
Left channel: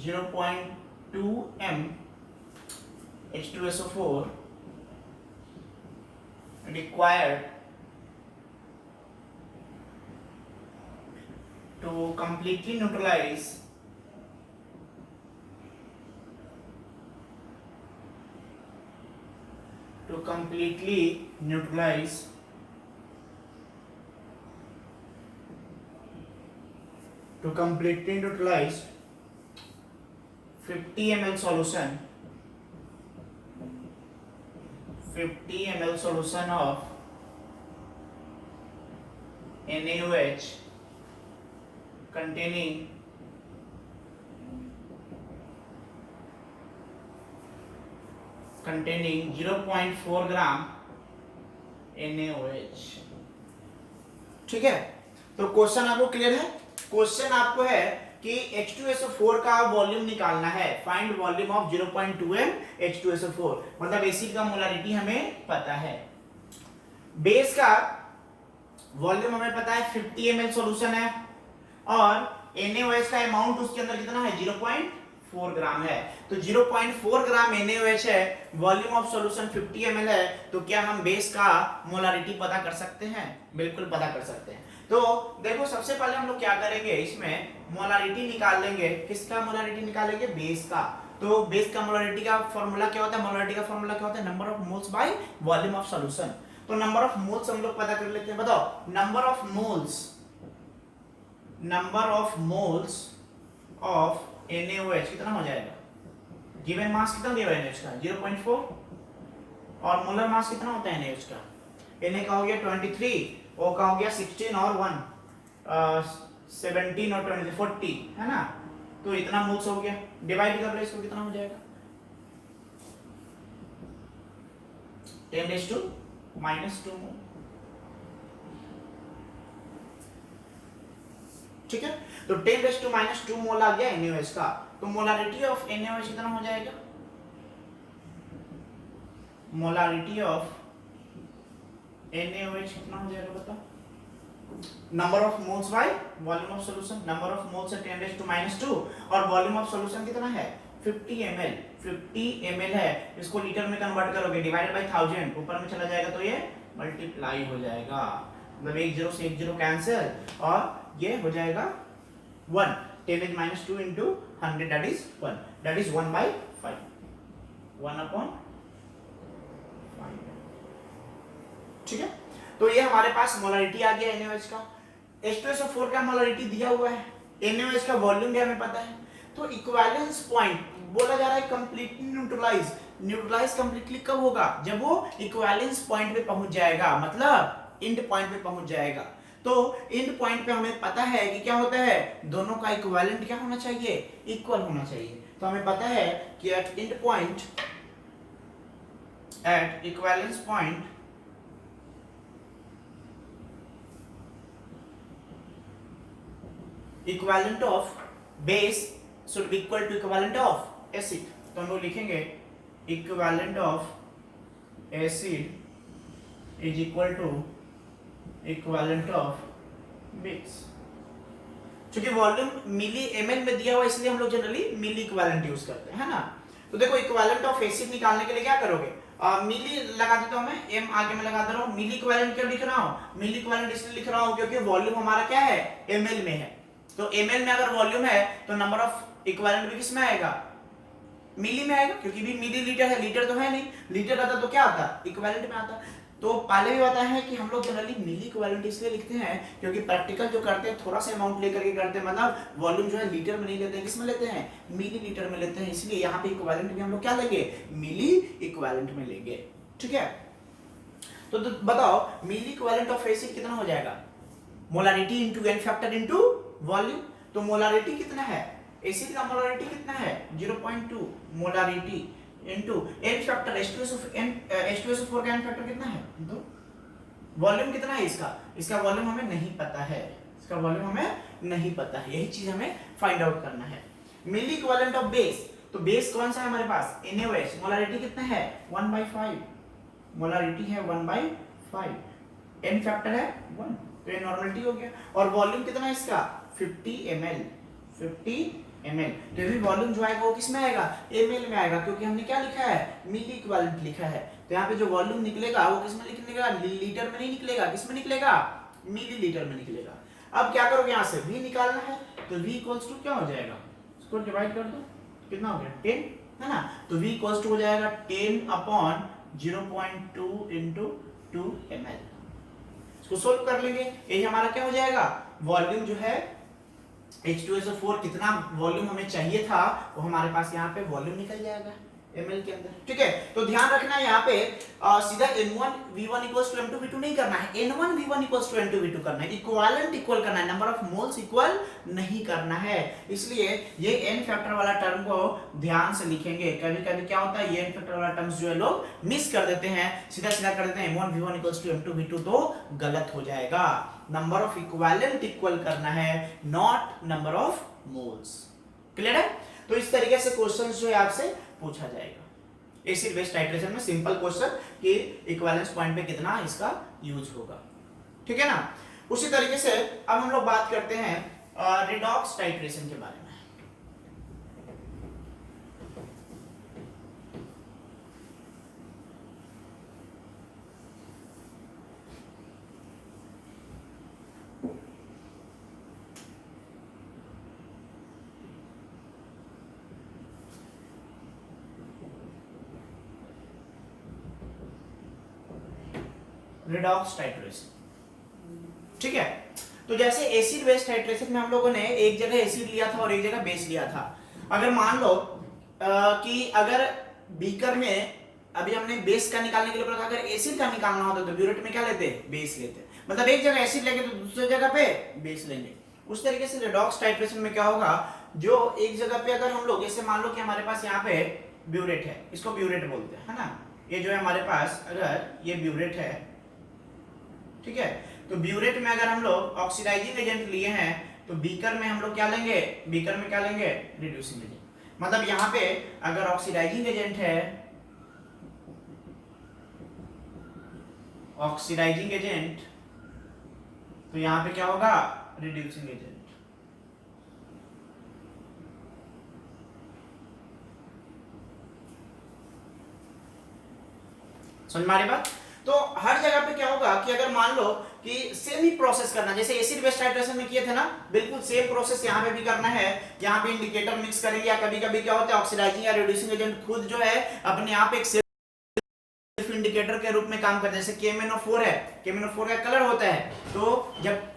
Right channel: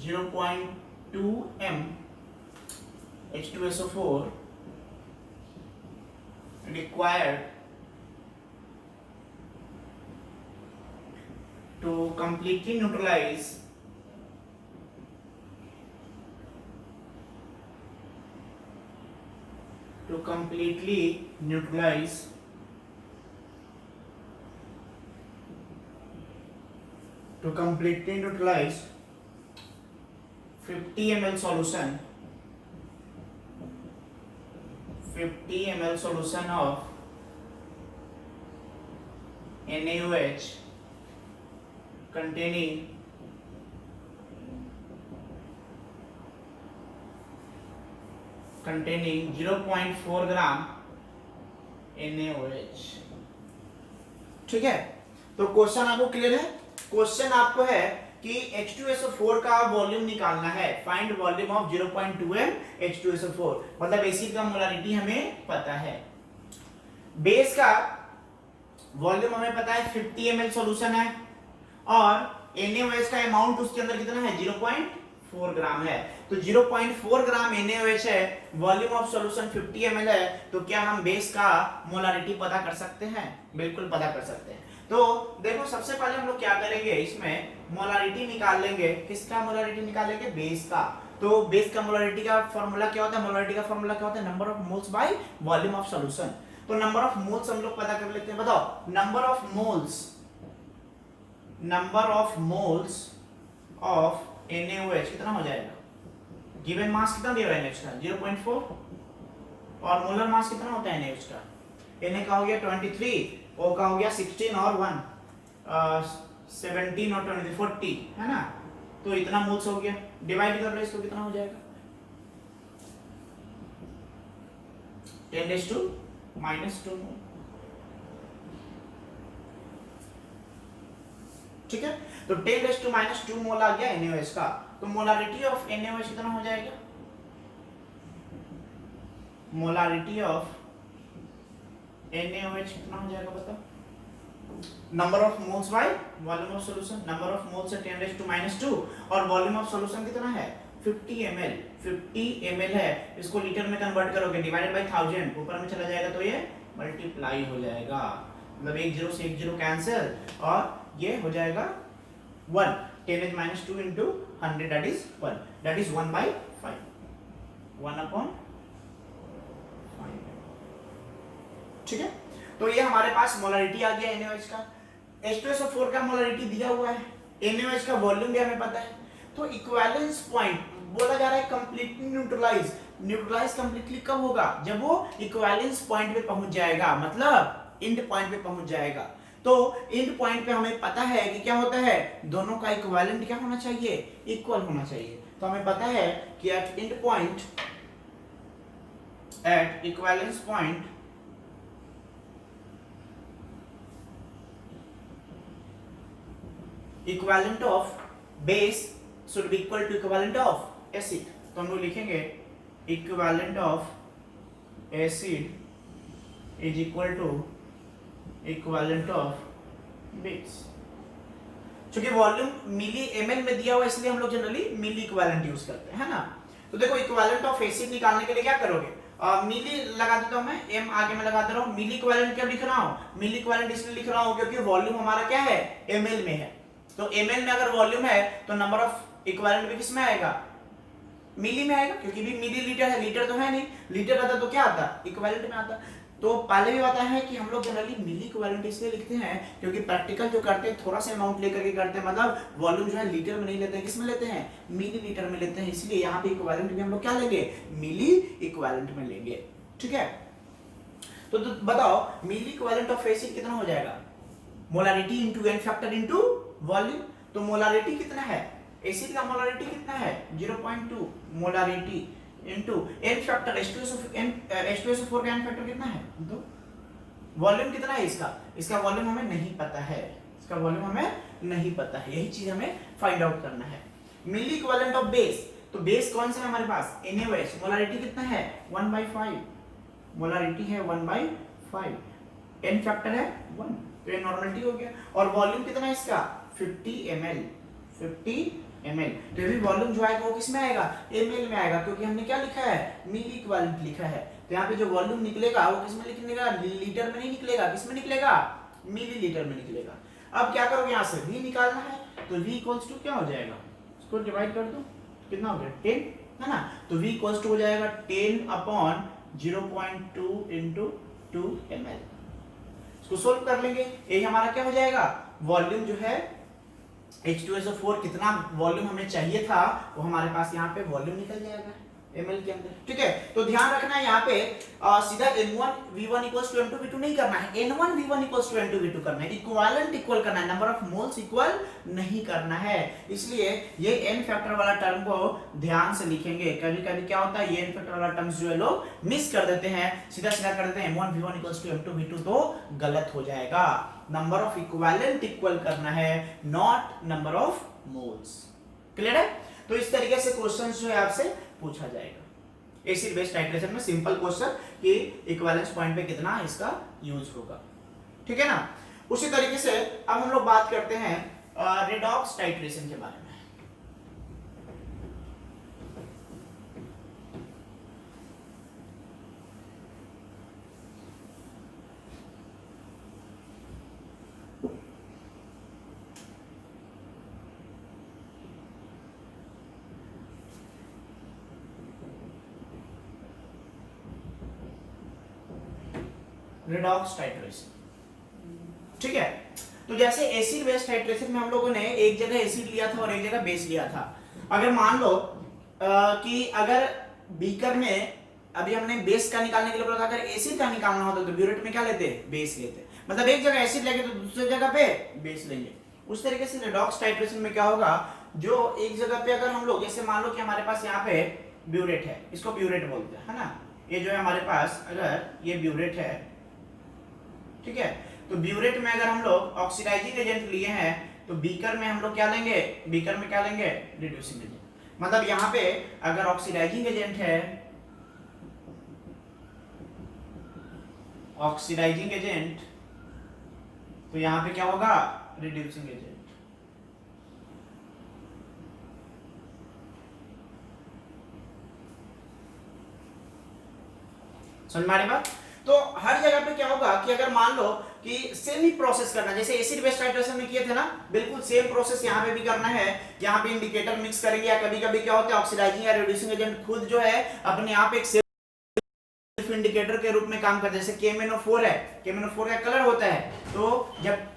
0.2 m H2SO4 required to completely neutralize to completely neutralize 50 ml solution of NaOH containing 0.4 gram NaOH। ठीक है? तो क्वेश्चन आपको क्लियर है? क्वेश्चन आपको है कि H2SO4 का वॉल्यूम निकालना है। Find volume of 0.2 m H2SO4, मतलब एसिड का मोलारिटी हमें पता है, बेस का वॉल्यूम हमें पता है 50 ml सॉल्यूशन है और NaOH का अमाउंट उसके अंदर कितना है 0.4 ग्राम है। तो 0.4 ग्राम NaOH है, वॉल्यूम ऑफ सॉल्यूशन 50 ml है, तो क्या हम बेस का मोलारिटी पता कर सकते हैं? बिल्कुल पता कर सकते हैं। तो देखो सबसे पहले हम लोग क्या करेंगे, इसमें मोलारिटी निकाल लेंगे। किसका मोलारिटी निकालेंगे? बेस का। तो बेस का मोलारिटी का फॉर्मूला क्या होता है? मोलारिटी का फॉर्मूला क्या होता है? Number of moles by volume of solution. तो नंबर ऑफ मोल्स हम लोग पता कर लेते हैं। बताओ number of moles of NaOH कितना हो जाएगा? गिवन मास कितना दिया हुआ है NaOH का 0.4 और मोलर मास कितना होता है NaOH का? Na का हो गया 23, O का हो गया 16 और 1 17 और 23 40 है ना। तो इतना मोल्स हो गया, डिवाइड कर लो इसको, कितना हो जाएगा 10⁻⁻2 मोल। ठीक है? तो 10⁻⁻2 मोल आ गया NaOH का। तो मोलारिटी ऑफ NaOH कितना हो जाएगा? मोलारिटी ऑफ NaOH कितना हो जाएगा बताओ? Number of moles by volume of solution. Number of moles है 10⁻⁻2 और वॉल्यूम ऑफ सॉल्यूशन कितना है 50 ml है। इसको लीटर में कन्वर्ट करोगे, डिवाइडेड बाय 1000, ऊपर में चला जाएगा तो ये मल्टीप्लाई हो जाएगा, मतलब एक जीरो से एक जीरो कैंसिल और ये हो जाएगा 1, 10⁻² into 100 that is 1, that is 1/5, 1/5। ठीक है, तो ये हमारे पास मोलरिटी आ गया NaOH का। H2SO4 का मोलरिटी दिया हुआ है, NaOH का वॉल्यूम भी हमें पता है। तो इक्विवेलेंस पॉइंट बोला जा रहा है कंप्लीटली न्यूट्रलाइज। न्यूट्रलाइज कंप्लीटली कब होगा? जब वो इक्विवेलेंस पॉइंट पे पहुंच जाएगा, मतलब एंड पॉइंट पे पहुंच जाएगा। तो एंड पॉइंट पे हमें पता है कि क्या होता है, दोनों का इक्विवेलेंट क्या होना चाहिए, इक्वल होना चाहिए। तो हमें पता है कि at end point, at equivalence point equivalent of base should be equal to equivalent of acid। तो हम लोग लिखेंगे equivalent of acid is equal to equivalent of base। क्योंकि वॉल्यूम मिली ml में दिया हुआ इसलिए हम लोग जनरली मिली इक्विवेलेंट यूज करते हैं, है ना। तो देखो इक्विवेलेंट ऑफ एसिड निकालने के लिए क्या करोगे, मिली लगा देता हूं मैं, m आगे में लगा दे रहा हूं। मिली इक्विवेलेंट क्यों लिख रहा हूं, मिली इक्विवेलेंट इसलिए लिख रहा हूं क्योंकि वॉल्यूम हमारा क्या है, ml में है। तो ml में अगर वॉल्यूम है तो नंबर ऑफ इक्विवेलेंट भी किस में आएगा, मिली में आएगा, क्योंकि भी मिली लीटर है, लीटर तो है नहीं। लीटर आता तो क्या आता, इक्विवेलेंट में आता। तो पहले भी बताया है कि हम लोग जनरली मिली इक्विवेलेंट इसलिए लिखते हैं क्योंकि प्रैक्टिकल जो करते हैं थोड़ा सा अमाउंट लेकर के करते हैं, मतलब वॉल्यूम जो है लीटर में नहीं लेते हैं, किस में लेते हैं, मिली लीटर में लेते हैं। इसलिए यहाँ पे इक्विवेलेंट भी हम लोग क्या लेंगे, मिली इक्विवेलेंट में लेंगे। ठीक है, तो बताओ मिली इक्विवेलेंट ऑफ एसिड कितना हो जाएगा, molarity into n factor into volume. तो मोलारिटी कितना है, एसिड का मोलारिटी कितना है 0.2 molarity into n factor H2SO4 का n फैक्टर कितना है 2। वॉल्यूम कितना है इसका, इसका वॉल्यूम हमें नहीं पता है, इसका वॉल्यूम हमें नहीं पता है, यही चीज हमें फाइंड आउट करना है। मिली इक्विवेलेंट ऑफ बेस, तो बेस कौन सा है हमारे पास, NaOH। मोलारिटी कितना है 1/5, मोलारिटी है 1/5, n फैक्टर है 1, तो ये नॉर्मलिटी हो गया। और वॉल्यूम कितना है इसका 50 ml, 50 ml। तो भी वॉल्यूम जो आएगा वो किस में आएगा, ml में आएगा, क्योंकि हमने क्या लिखा है, मिली इक्विवेलेंट लिखा है। तो यहाँ पे जो वॉल्यूम निकलेगा वो किस में निकलेगा, लीटर में नहीं निकलेगा, किस में निकलेगा, मिली लीटर में निकलेगा। अब क्या करोगे, यहाँ से v निकालना है, तो v इक्वल्स टू क्या हो जाएगा, इसको डिवाइड कर दो, कितना हो गया 10, है ना। तो v इक्वल्स टू हो जाएगा 10/0.2 into 2 ml। इसको सोल्व कर लेंगे, ये हमारा क्या हो जाएगा, वॉल्यूम जो है H2SO4 कितना वॉल्यूम हमें चाहिए था वो हमारे पास यहाँ पे वॉल्यूम निकल जाएगा ml के अंदर। ठीक है, तो ध्यान रखना है यहाँ पे सीधा N1V1 = M2V2 नहीं करना है, N1V1 = M2V2 करना है, इक्विवेलेंट इक्वल करना है, नंबर ऑफ मोल्स इक्वल नहीं करना है। इसलिए ये n फैक्टर वाला टर्म को ध्यान से लिखेंगे। कभी कभी क्या होता है, ये n फैक्टर वाला टर्म्स जो है लोग मिस कर देते हैं, सीधा सीधा कर देते हैं M1V1 = M2V2, तो गलत हो जाएगा। नंबर ऑफ इक्विवेलेंट इक्वल करना है, not number of moles. Clear है। तो इस तरीके से क्वेश्चन जो है आपसे पूछा जाएगा एसिड बेस टाइट्रेशन में, सिंपल क्वेश्चन कि इक्विवेलेंस पॉइंट पे कितना इसका यूज होगा। ठीक है ना। उसी तरीके से अब हम लोग बात करते हैं रेडॉक्स टाइट्रेशन के बारे में। रेडॉक्स टाइट्रेशन, ठीक है। तो जैसे एसिड बेस टाइट्रेशन में हम लोगों ने एक जगह एसिड लिया था और एक जगह बेस लिया था। अगर मान लो कि अगर बीकर में अभी हमने बेस का निकालने के लिए बोला था, अगर एसिड का निकालना होता तो ब्यूरेट में क्या लेते, बेस लेते, मतलब एक जगह एसिड लेंगे तो दूसरी जगह पे बेस लेंगे। उस तरीके से रेडॉक्स टाइट्रेशन में क्या होगा, जो एक जगह पे अगर हम लोग, जैसे मान लो कि हमारे पास यहाँ पे ब्यूरेट है, इसको ब्यूरेट बोलते हैं, है ना। ये जो है हमारे पास, अगर ये ब्यूरेट है, ठीक है, तो ब्यूरेट में अगर हम लोग ऑक्सीडाइजिंग एजेंट लिए हैं तो बीकर में हम लोग क्या लेंगे, बीकर में क्या लेंगे, रिड्यूसिंग एजेंट। मतलब यहाँ पे अगर ऑक्सीडाइजिंग एजेंट है, ऑक्सीडाइजिंग एजेंट, तो यहाँ पे क्या होगा, रिड्यूसिंग एजेंट। समझ में आ रही बात। तो हर जगह पे क्या होगा कि अगर मान लो कि सेम ही प्रोसेस करना, जैसे एसिड बेस टाइट्रेशन में किए थे ना, बिल्कुल सेम प्रोसेस यहाँ पे भी करना है। यहाँ पे इंडिकेटर मिक्स करेंगे, या कभी कभी क्या होता है ऑक्सीडाइजिंग या रिड्यूसिंग एजेंट खुद जो है अपने आप एक सेल्फ इंडिकेटर के रूप में काम करता है। जैसे KMnO4 है, KMnO4 का कलर होता है, तो जब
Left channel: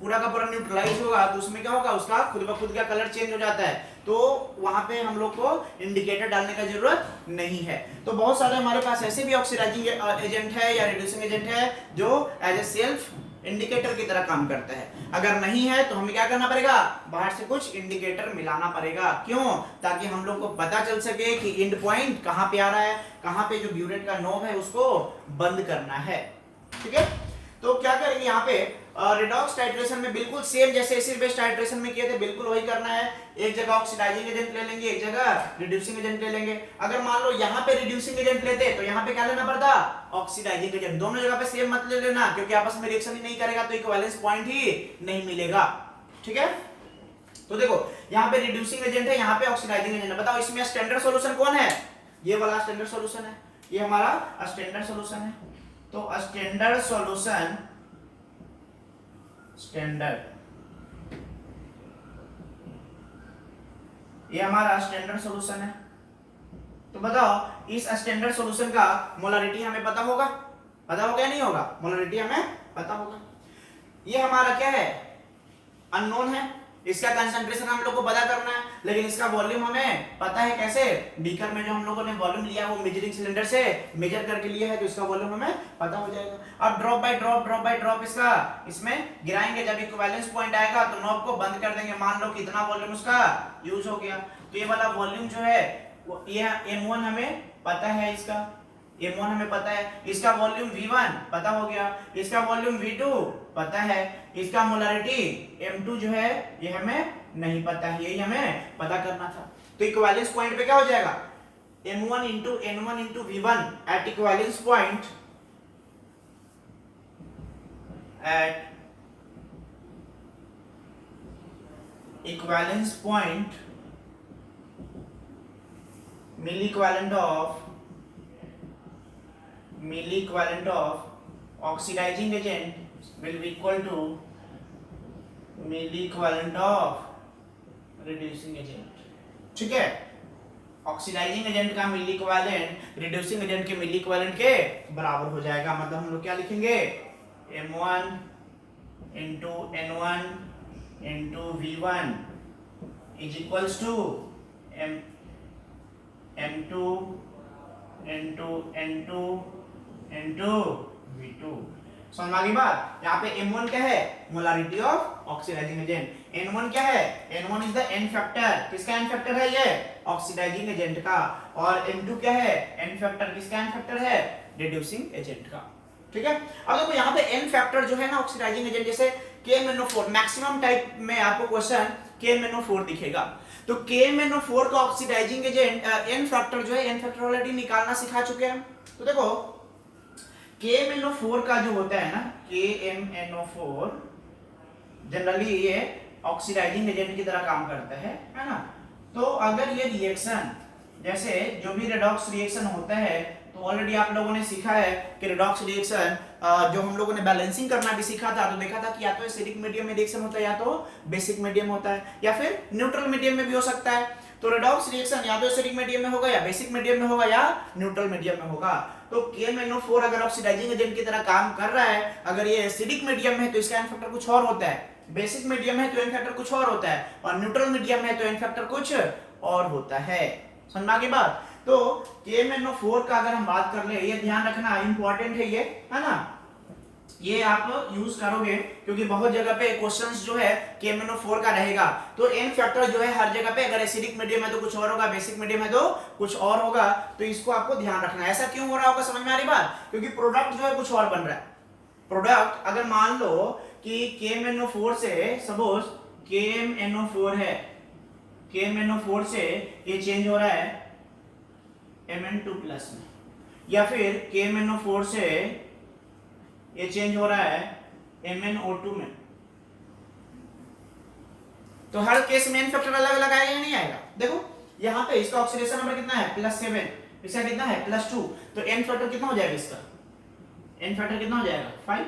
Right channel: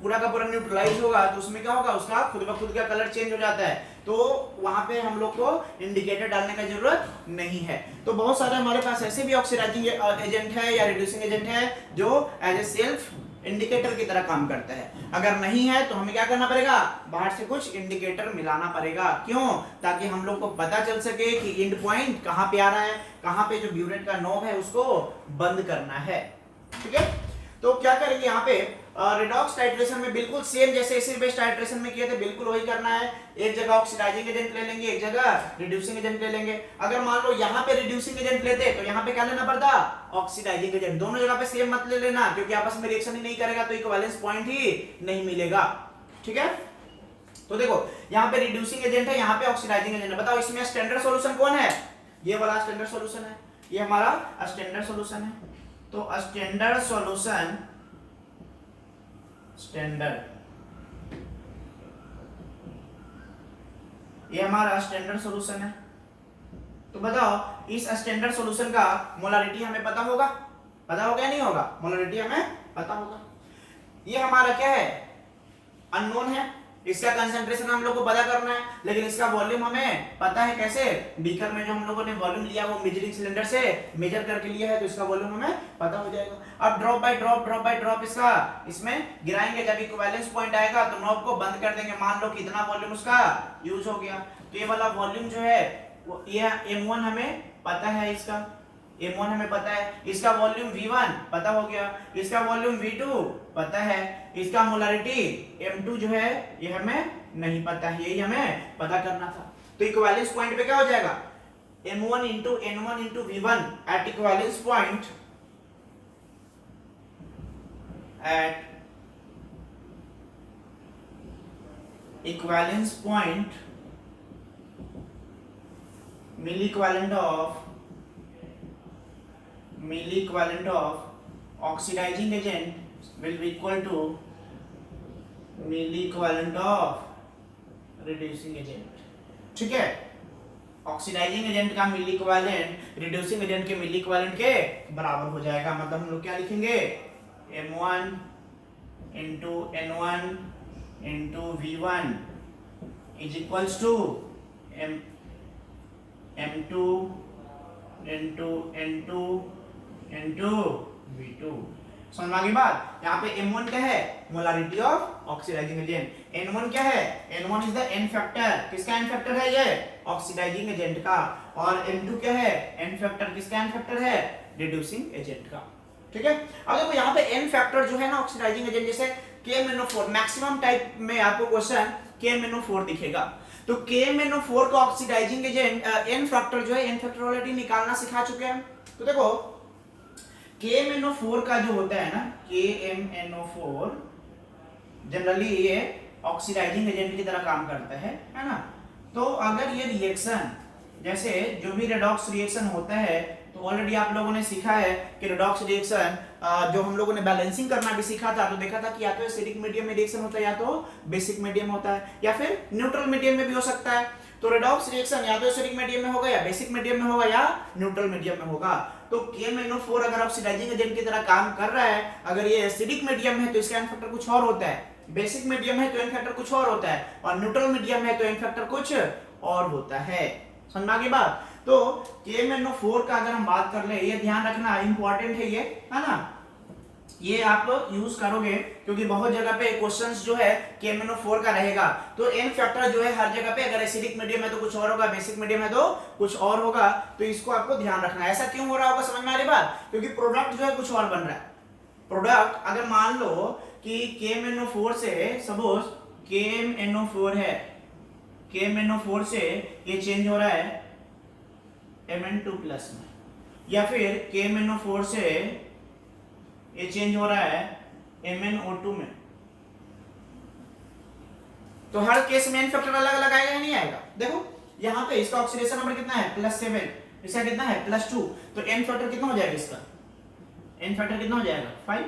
पूरा का पूरा न्यूट्रलाइज होगा तो उसमें क्या होगा, उसका खुद ब खुद का कलर चेंज हो जाता है। तो वहां पे हम लोग को इंडिकेटर डालने का जरूरत नहीं है। तो बहुत सारे हमारे पास ऐसे भी ऑक्सीडाइजिंग एजेंट है या रिड्यूसिंग एजेंट है जो एज ए सेल्फ इंडिकेटर की तरह काम करता है। अगर नहीं है तो हमें क्या करना पड़ेगा, बाहर से कुछ इंडिकेटर मिलाना पड़ेगा। क्यों? ताकि हम लोग को पता चल सके कि एंड पॉइंट कहाँ पे आ रहा है, कहाँ पे जो ब्यूरेट का नोब है उसको बंद करना है। ठीक है, तो क्या करेंगे यहाँ पे रिडॉक्स टाइट्रेशन में बिल्कुल सेम जैसे एसिड बेस टाइट्रेशन में किए थे, बिल्कुल वही करना है। एक जगह ऑक्सीडाइजिंग एजेंट ले लेंगे, एक जगह रिड्यूसिंग एजेंट ले लेंगे। अगर मान लो यहाँ पे रिड्यूसिंग एजेंट लेते तो यहाँ पे क्या लेना पड़ता, ऑक्सीडाइजिंग एजेंट। दोनों जगह पे सेम मत ले लेना, क्योंकि आपस में रिएक्शन ही नहीं करेगा तो इक्विवेलेंस पॉइंट ही नहीं मिलेगा। ठीक है, तो देखो यहाँ पे रिड्यूसिंग एजेंट है, यहाँ पे ऑक्सीडाइजिंग एजेंट है। बताओ इसमें स्टैंडर्ड सॉल्यूशन कौन है? ये वाला स्टैंडर्ड सॉल्यूशन है, ये हमारा स्टैंडर्ड सॉल्यूशन है। तो स्टैंडर्ड सॉल्यूशन, स्टैंडर्ड, ये हमारा स्टैंडर्ड सॉल्यूशन है। तो बताओ इस स्टैंडर्ड सॉल्यूशन का मोलारिटी हमें पता होगा? पता होगा या नहीं होगा? मोलारिटी हमें पता होगा। ये हमारा क्या है, अननोन है। इसका कंसंट्रेशन हम लोग को पता करना है, लेकिन इसका वॉल्यूम हमें पता है। कैसे? बीकर में जो हम लोगों ने वॉल्यूम लिया वो मेजरिंग सिलेंडर से मेजर करके लिया है, तो इसका वॉल्यूम हमें पता हो जाएगा। अब ड्रॉप बाय ड्रॉप इसका इसमें गिराएंगे, जब इक्विवेलेंस पॉइंट आएगा तो नॉब को बंद कर देंगे। मान लो कितना वॉल्यूम उसका यूज हो गया, तो ये वाला वॉल्यूम जो है ये M1 हमें पता है, इसका M1 हमें पता है, इसका वॉल्यूम V1 पता हो गया, इसका वॉल्यूम V2 पता है, इसका मोलारिटी M2 जो है ये हमें नहीं पता है, यही हमें पता करना था। तो इक्विवेलेंस पॉइंट पे क्या हो जाएगा, M1 into N1 into V1 at equivalence point, at equivalence point milli equivalent of oxidizing agent will be equal to milli equivalent of reducing agent। ठीक है, ऑक्सीडाइजिंग एजेंट का मिली इक्विवेलेंट रिड्यूसिंग एजेंट के मिली equivalent के बराबर हो जाएगा। मतलब हम लोग क्या लिखेंगे, M1 into N1 into V1 is equals to M2 into N2 into V2। समझ में आ गई बात? यहाँ पे M1 क्या है, molarity of oxidising agent. N1 क्या है, N1 is the n factor. किसका एन फैक्टर है? ये ऑक्सीडाइजिंग एजेंट का। और M2 क्या है, एन फैक्टर। किसका एन फैक्टर है? रिड्यूसिंग एजेंट का। ठीक है, अब देखो यहाँ पे एन फैक्टर जो है ना ऑक्सीडाइजिंग एजेंट, जैसे KMnO4 मैक्सिमम टाइप में आपको क्वेश्चन KMnO4 दिखेगा, तो KMnO4 का ऑक्सीडाइजिंग एजेंट एन फैक्टर जो है, एन फैक्टर ऑलरेडी निकालना सिखा चुके हैं। तो देखो KMnO4 का जो होता है ना, KMnO4 जनरली ये ऑक्सीडाइजिंग एजेंट की तरह काम करता है ना। तो अगर ये रिएक्शन, जैसे जो भी रेडॉक्स रिएक्शन होता है, तो ऑलरेडी आप लोगों ने सीखा है कि रेडॉक्स रिएक्शन जो हम लोगों ने बैलेंसिंग करना भी सीखा था, तो देखा था कि या तो एसिडिक मीडियम में रिएक्शन होता है, या तो बेसिक मीडियम होता है, या फिर न्यूट्रल मीडियम में भी हो सकता है। तो रेडॉक्स रिएक्शन या तो एसिडिक मीडियम में होगा, या बेसिक मीडियम में होगा, या न्यूट्रल मीडियम में होगा। तो KMnO4 अगर ऑक्सीडाइजिंग एजेंट की तरह काम कर रहा है, अगर ये एसिडिक मीडियम है तो इसका एन फैक्टर कुछ और होता है, बेसिक मीडियम है तो एन फैक्टर कुछ और होता है, और न्यूट्रल मीडियम है तो एन फैक्टर कुछ और होता है। समझ की बात? तो KMnO4 का अगर हम बात कर ले, ये ध्यान रखना इंपॉर्टेंट है, ये है ना, ये आप यूज करोगे क्योंकि बहुत जगह पे क्वेश्चंस जो है KMnO4 का रहेगा। तो एन फैक्टर जो है हर जगह पे, अगर एसिडिक मीडियम है तो कुछ और होगा, बेसिक मीडियम है तो कुछ और होगा, तो इसको आपको ध्यान रखना है। ऐसा क्यों हो रहा होगा, समझ में आ रही बात? क्योंकि प्रोडक्ट जो है कुछ और बन रहा है। प्रोडक्ट अगर मान लो कि KMnO4 से, सपोज KMnO4 है, KMnO4 से ये चेंज हो रहा है Mn2 प्लस में, या फिर KMnO4 से ये चेंज हो रहा है MnO2 में। तो हर केस में एन फैक्टर अलग अलग आएगा या नहीं आएगा? देखो यहाँ पे इसका ऑक्सीडेशन नंबर कितना है, +7, इसका कितना है, +2, तो एन फैक्टर कितना हो जाएगा इसका, n फैक्टर कितना हो जाएगा 5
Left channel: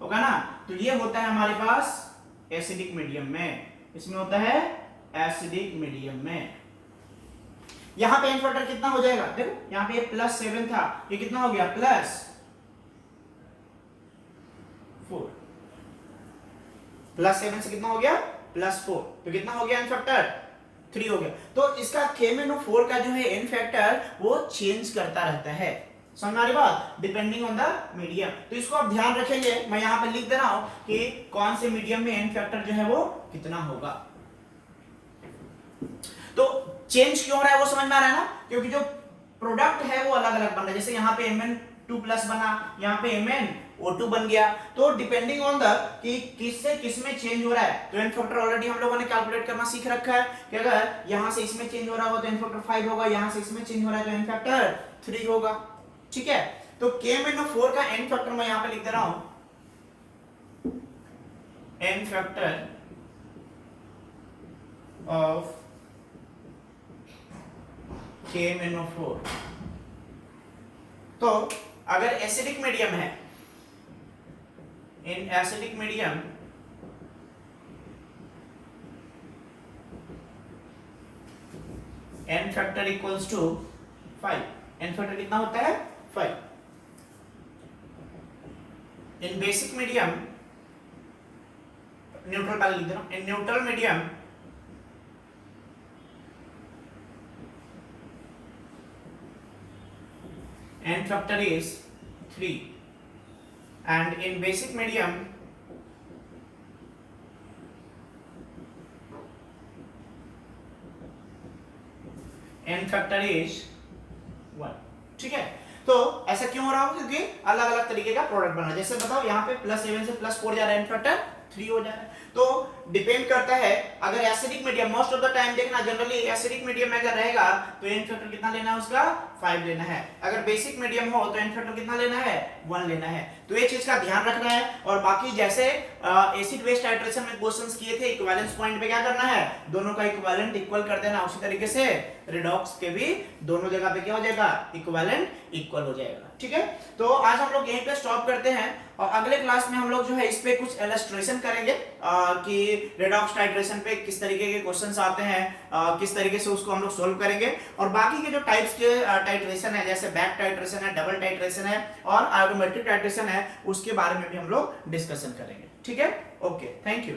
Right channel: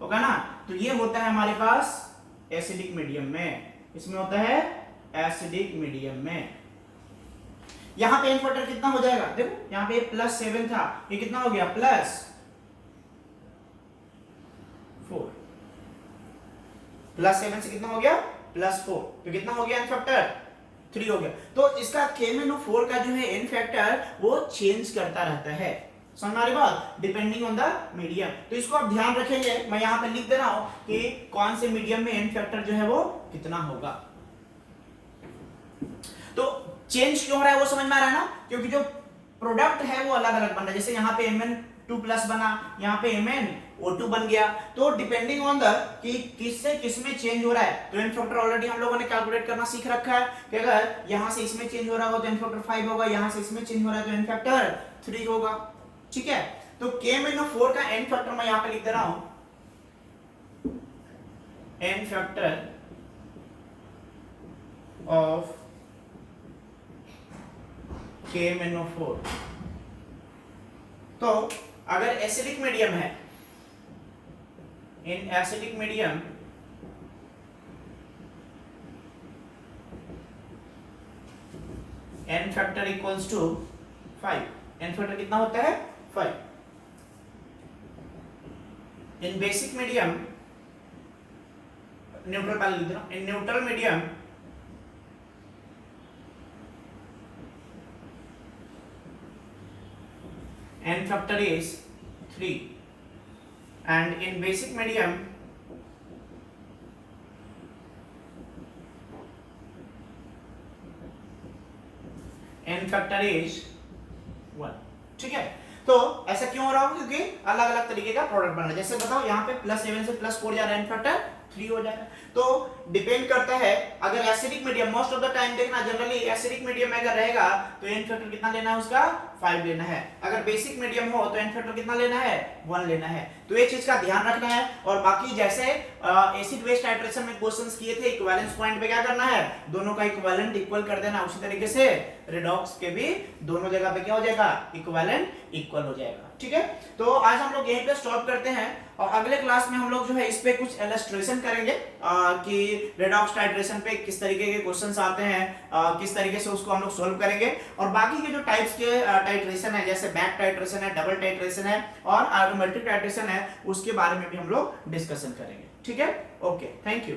होगा ना। तो ये होता है हमारे पास एसिडिक मीडियम में, इसमें होता है एसिडिक मीडियम में। यहां पे n फैक्टर कितना हो जाएगा, देखो यहां पे +7 था, ये कितना हो गया +4, +7 से कितना हो गया +4, तो कितना हो गया n फैक्टर 3 हो गया। तो इसका KMnO4 का जो है n फैक्टर वो चेंज करता रहता है, समझ में आ रही बात, डिपेंडिंग ऑन द मीडियम। तो इसको आप ध्यान रखेंगे, मैं यहाँ पे लिख दे रहा हूं कि कौन से मीडियम में n फैक्टर जो है वो कितना होगा। तो चेंज क्यों हो रहा है वो समझ में आ रहा है ना, क्योंकि जो प्रोडक्ट है वो अलग अलग बन रहा है। जैसे यहाँ पे Mn2+ बना, यहाँ पे MnO2 बन गया, तो डिपेंडिंग ऑन द कि किससे किसमें चेंज हो रहा है। तो n फैक्टर ऑलरेडी हम लोगों ने कैलकुलेट करना सीख रखा है कि अगर यहाँ से इसमें चेंज हो रहा होगा तो n फैक्टर 5 होगा, यहाँ से इसमें चेंज हो रहा है तो n फैक्टर 3 होगा, ठीक है। तो KMnO4 का n फैक्टर मैं यहां पे लिख दे रहा हूं, n फैक्टर ऑफ KMnO4। तो अगर एसिडिक मीडियम है, in acidic medium n factor equals to 5, n factor कितना होता है 5। इन बेसिक मीडियम, न्यूट्रल पहले लिख दे रहा हूं, in neutral medium n factor is 3 and in basic medium n factor is 1, ठीक है। तो ऐसा क्यों हो रहा होगा, क्योंकि अलग अलग तरीके का प्रोडक्ट बन रहा है। जैसे बताओ यहाँ पे +7 से +4 जा रहा है, n फैक्टर 3 हो जा रहा है। तो डिपेंड करता है, अगर acidic medium, most of the time देखना जनरली एसिडिक मीडियम में अगर रहेगा तो n फैक्टर कितना लेना है उसका 5 लेना है। अगर बेसिक मीडियम हो तो n फैक्टर कितना लेना है 1 लेना है। तो ये चीज का ध्यान रखना है। और बाकी जैसे एसिड बेस टाइट्रेशन में क्वेश्चंस किए थे, इक्विवेलेंस पॉइंट पे क्या करना है, दोनों का इक्विवेलेंट इक्वल कर देना। उसी तरीके से रिडॉक्स के भी दोनों जगह पे क्या हो जाएगा, इक्विवेलेंट इक्वल हो जाएगा, ठीक है। तो आज हम लोग यहीं पे स्टॉप करते हैं और अगले क्लास में हम लोग जो है इस पे कुछ इलस्ट्रेशन करेंगे कि रेडॉक्स टाइट्रेशन पे किस तरीके के क्वेश्चंस आते हैं, किस तरीके से उसको हम लोग सोल्व करेंगे। और बाकी के जो टाइप्स के टाइट्रेशन है, जैसे बैक टाइट्रेशन है, डबल टाइट्रेशन है और आटोमेटिक टाइट्रेशन है, उसके बारे में भी हम लोग डिस्कशन करेंगे, ठीक है। Okay, thank you.